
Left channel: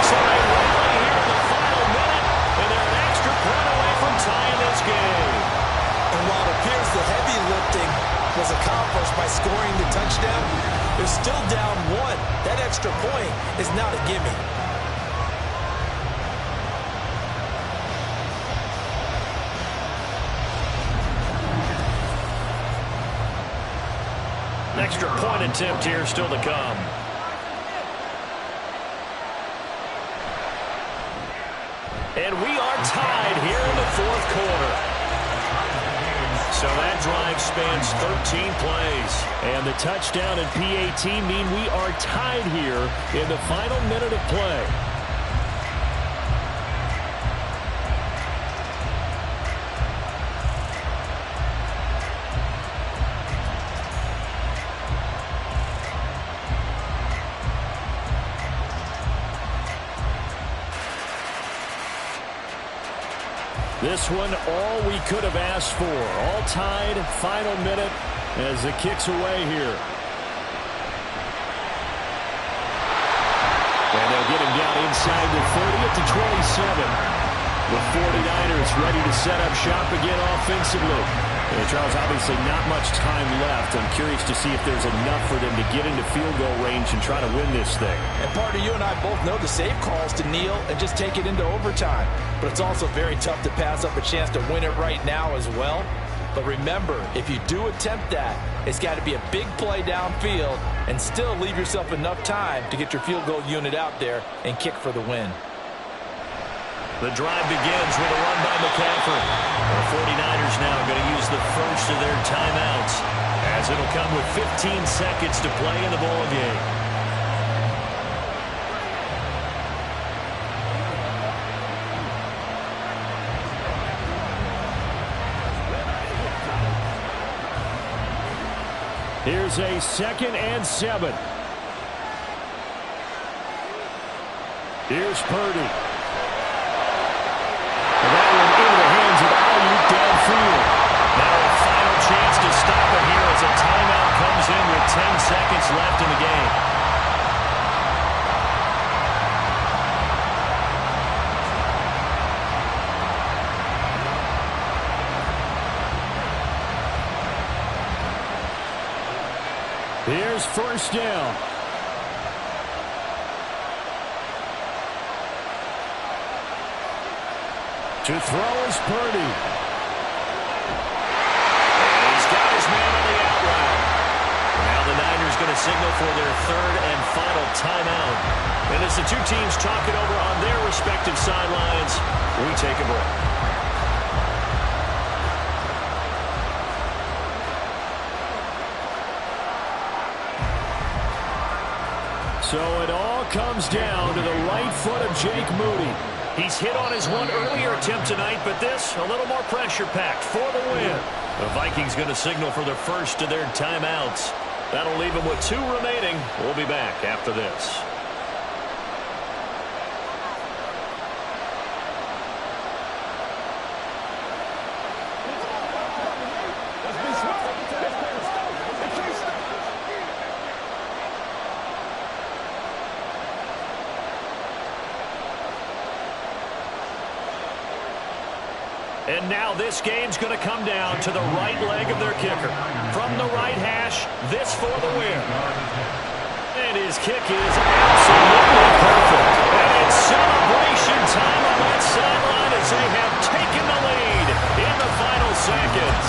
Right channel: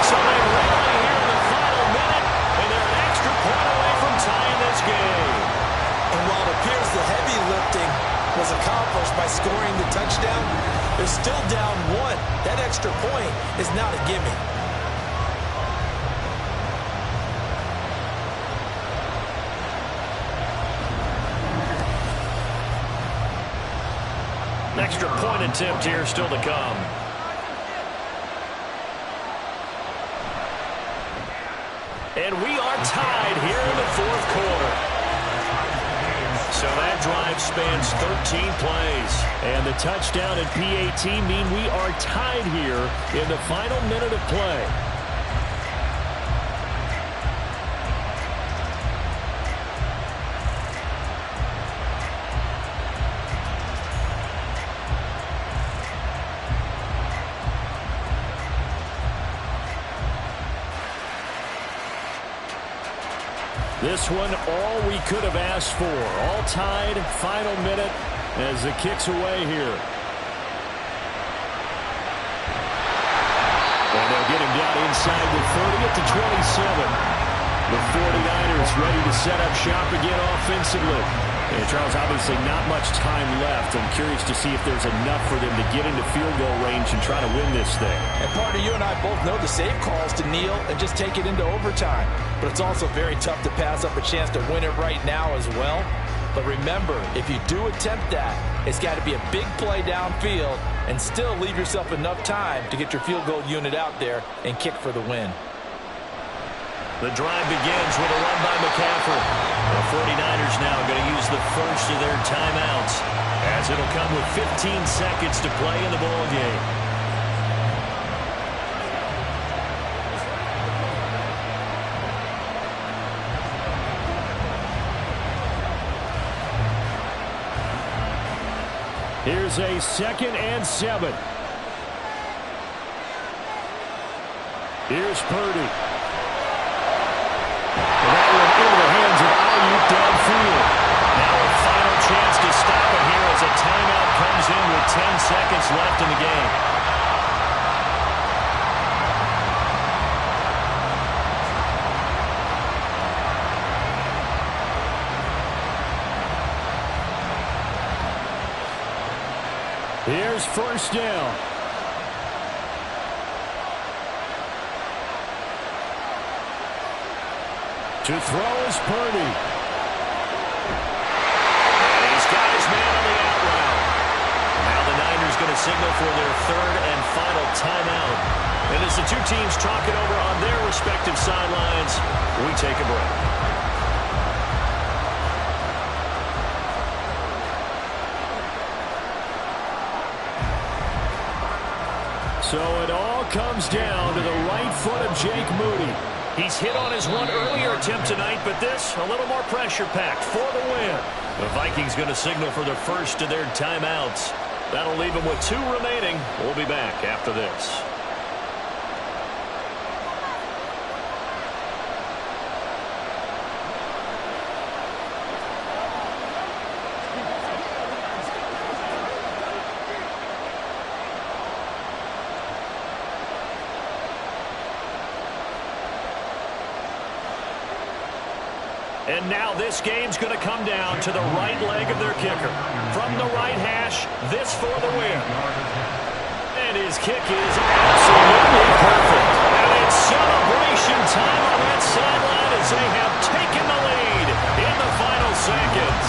So they rally here in the final minute, and they're an extra point away from tying this game. And while it appears the heavy lifting was accomplished by scoring the touchdown, they're still down 1. That extra point is not a gimme. An extra point attempt here still to come. And we are tied here in the 4th quarter. So that drive spans 13 plays. And the touchdown and PAT mean we are tied here in the final minute of play. This one, all we could have asked for. All tied, final minute as the kick's away here. And they'll get him down inside the 30 at the 27. The 49ers ready to set up shop again offensively. And Charles, obviously not much time left. I'm curious to see if there's enough for them to get into field goal range and try to win this thing. And partner, you and I both know the safe calls to kneel and just take it into overtime. But it's also very tough to pass up a chance to win it right now as well. But remember, if you do attempt that, it's got to be a big play downfield and still leave yourself enough time to get your field goal unit out there and kick for the win. The drive begins with a run by McCaffrey. The 49ers now going to use the first of their timeouts as it'll come with 15 seconds to play in the ball game. Here's a 2nd and 7. Here's Purdy. And that one into the hands of Ayuk downfield. Now a a timeout comes in with 10 seconds left in the game. Here's first down. To throw is Purdy. And he's got his man on the out route. Now the Niners going to signal for their third and final timeout. And as the two teams talk it over on their respective sidelines, we take a break. So it all comes down to the right foot of Jake Moody. He's hit on his one earlier attempt tonight, but this a little more pressure-packed for the win. The Vikings going to signal for the first of their timeouts. That'll leave them with 2 remaining. We'll be back after this. And now this game's going to come down to the right leg of their kicker. From the right hash, this for the win. And his kick is absolutely perfect. And it's celebration time on that sideline as they have taken the lead in the final seconds.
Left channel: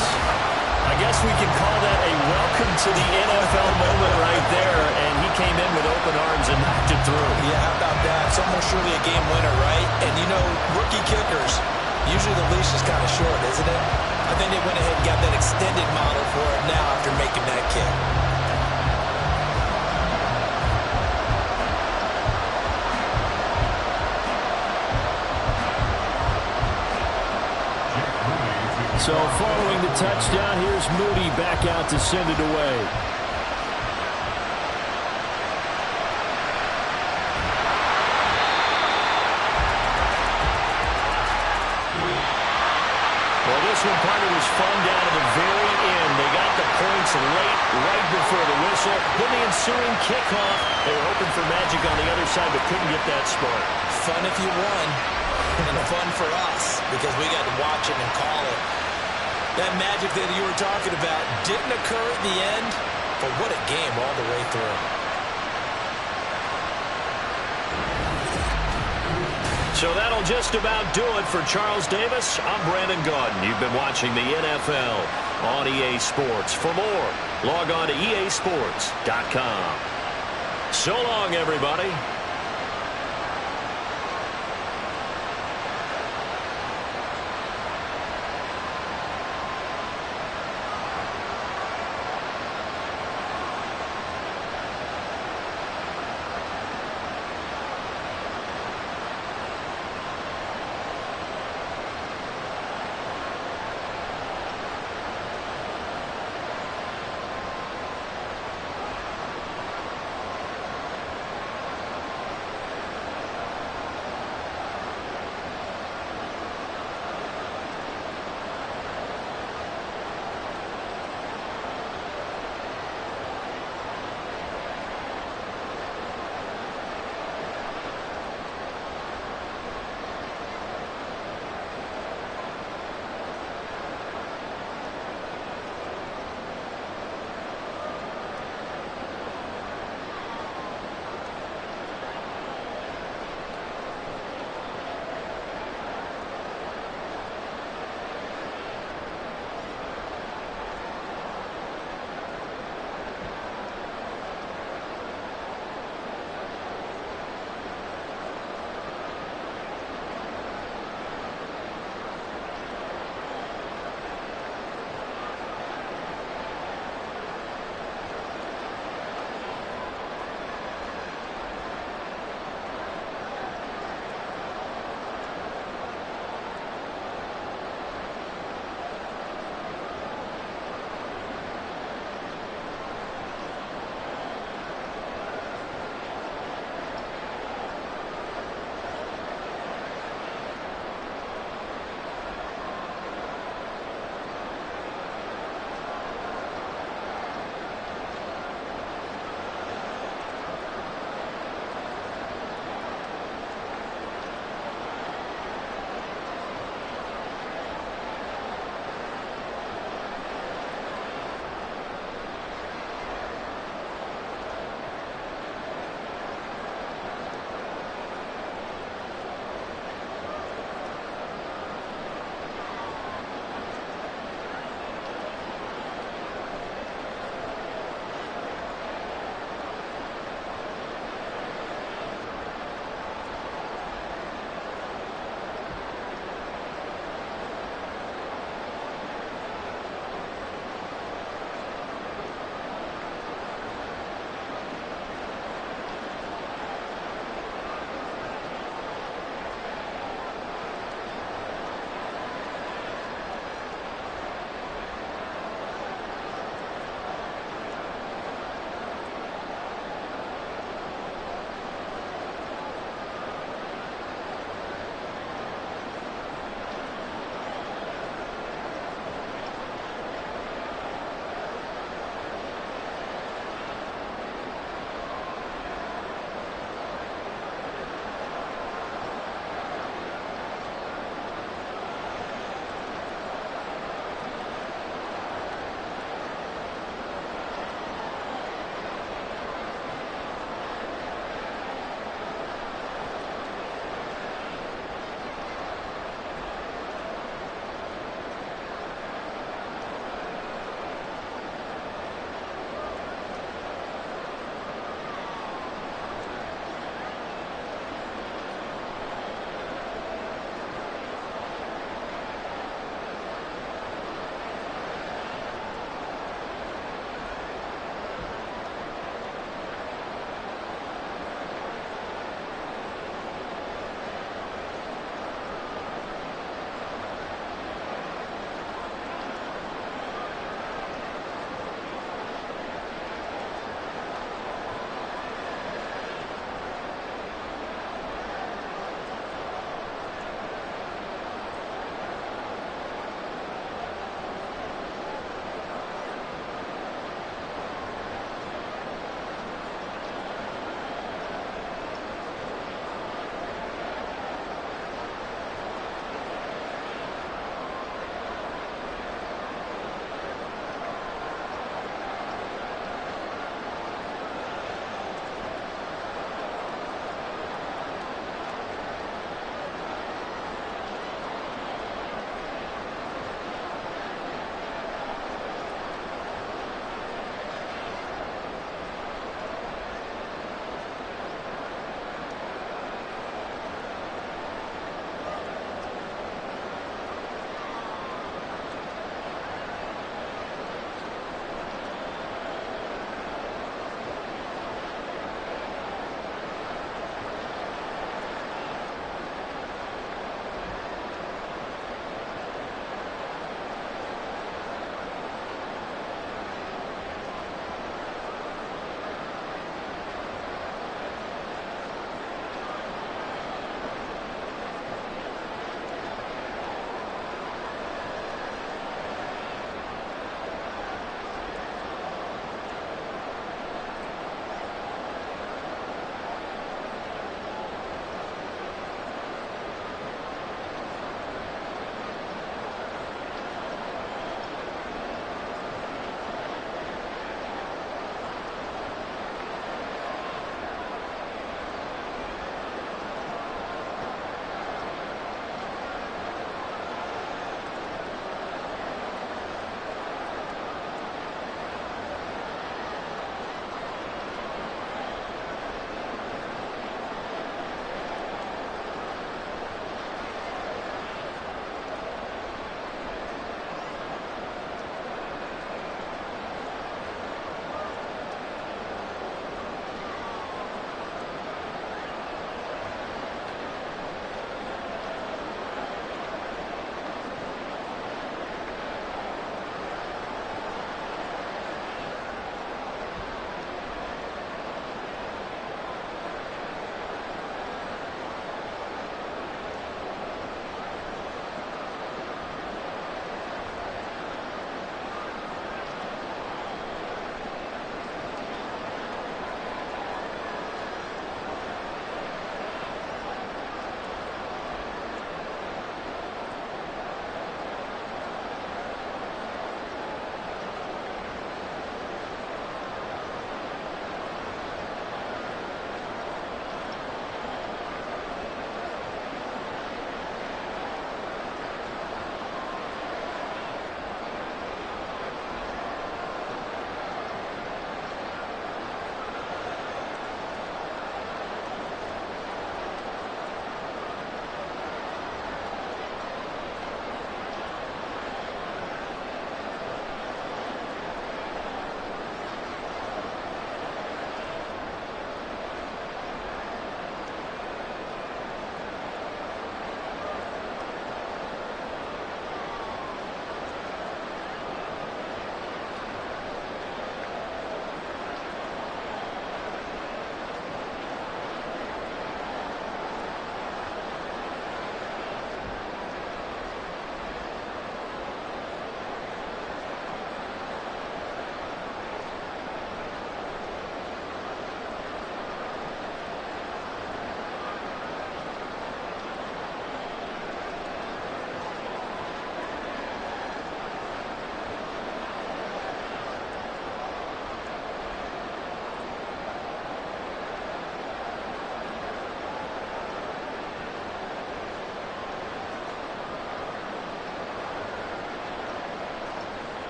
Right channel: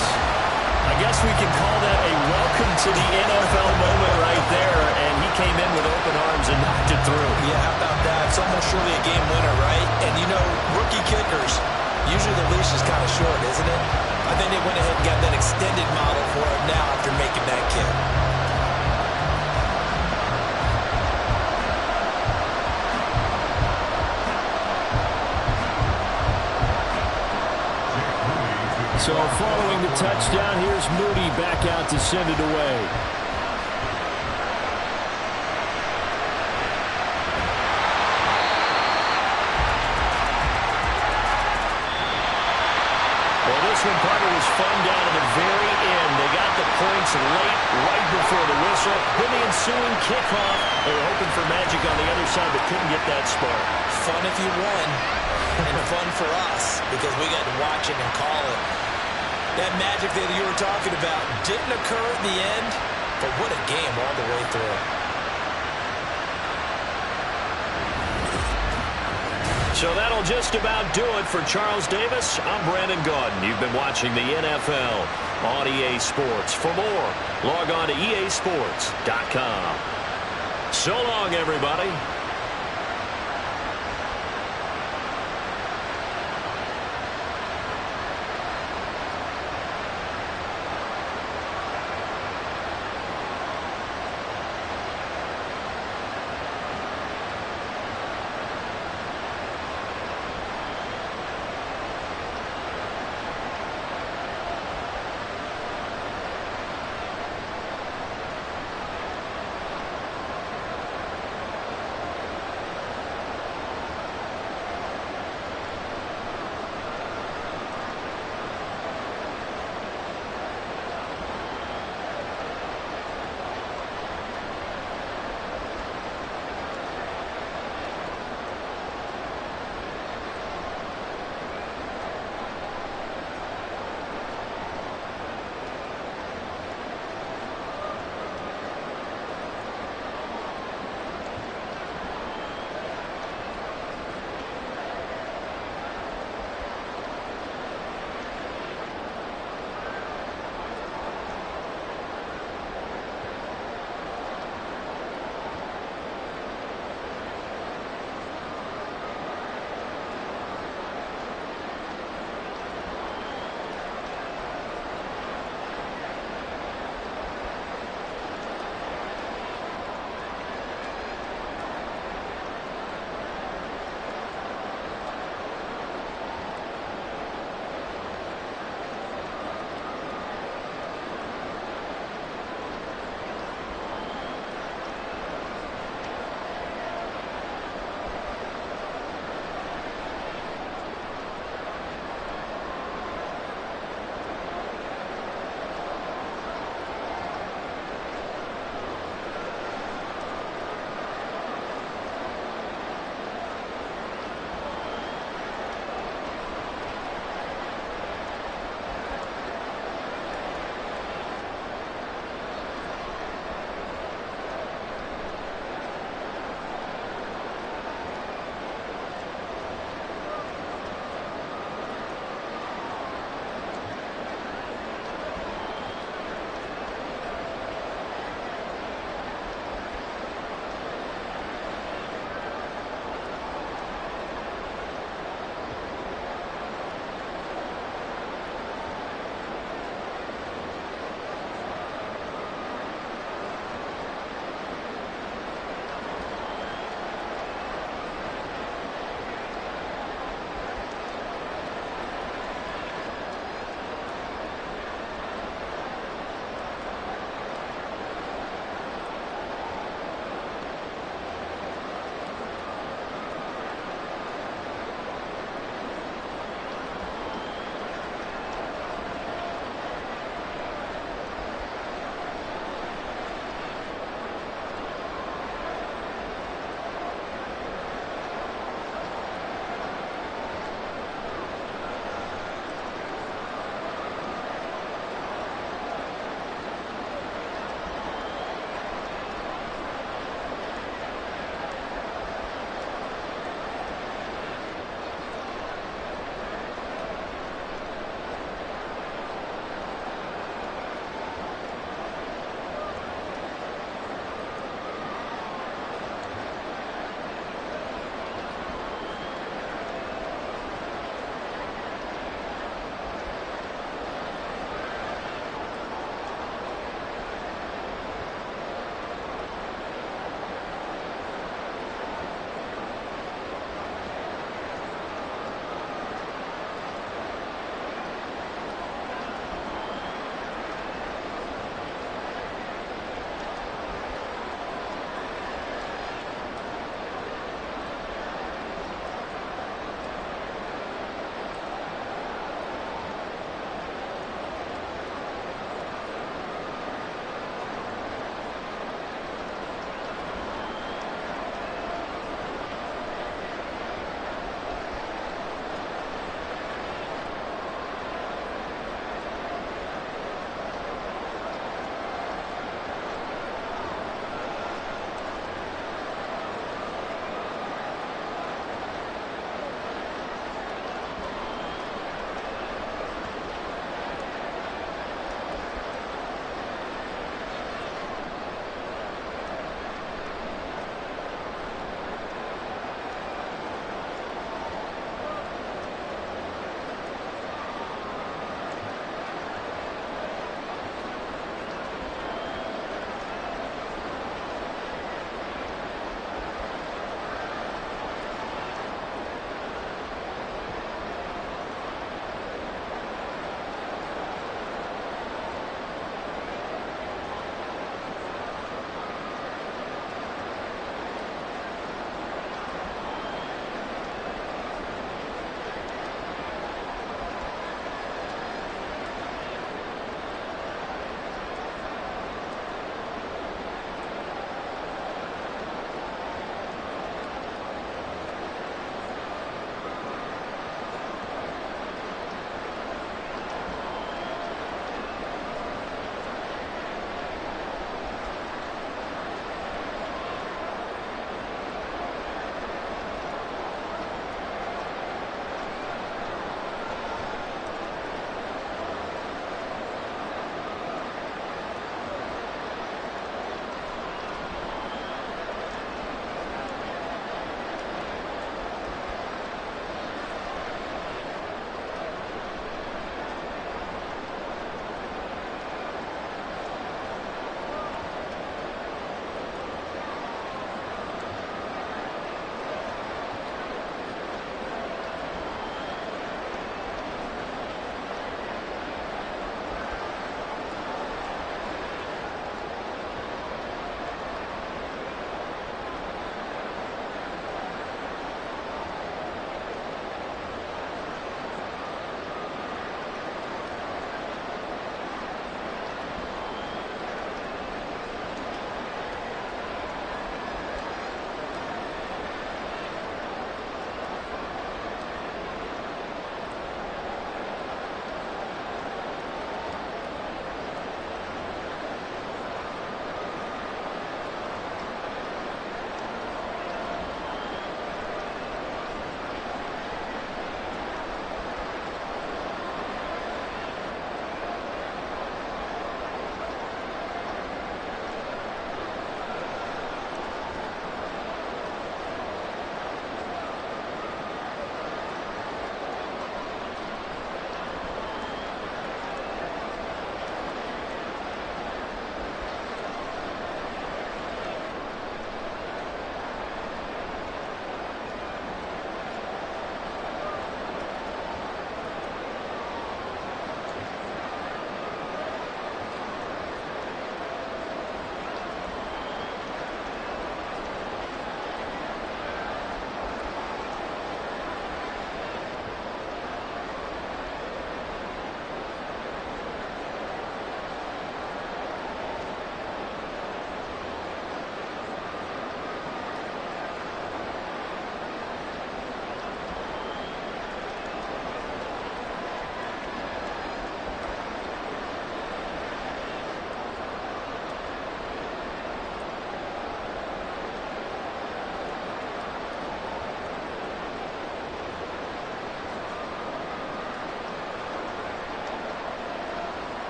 I guess we can call that a welcome to the NFL moment right there. And he came in with open arms and knocked it through. Yeah, how about that? It's almost surely a game winner, right? And, you know, rookie kickers, usually the leash is kind of short, isn't it? I think they went ahead and got that extended model for it now after making that kick. So following the touchdown, here's Moody back out to send it away. Well, this one, partner, was fun down to the very end. They got the points late, right before the whistle. Then the ensuing kickoff. They were hoping for magic on the other side, but couldn't get that spark. Fun if you won, and fun for us, because we got to watch it and call it. That magic that you were talking about didn't occur at the end, but what a game all the way through. So that'll just about do it for Charles Davis. I'm Brandon Gaudin. You've been watching the NFL on EA Sports. For more, log on to easports.com. So long, everybody.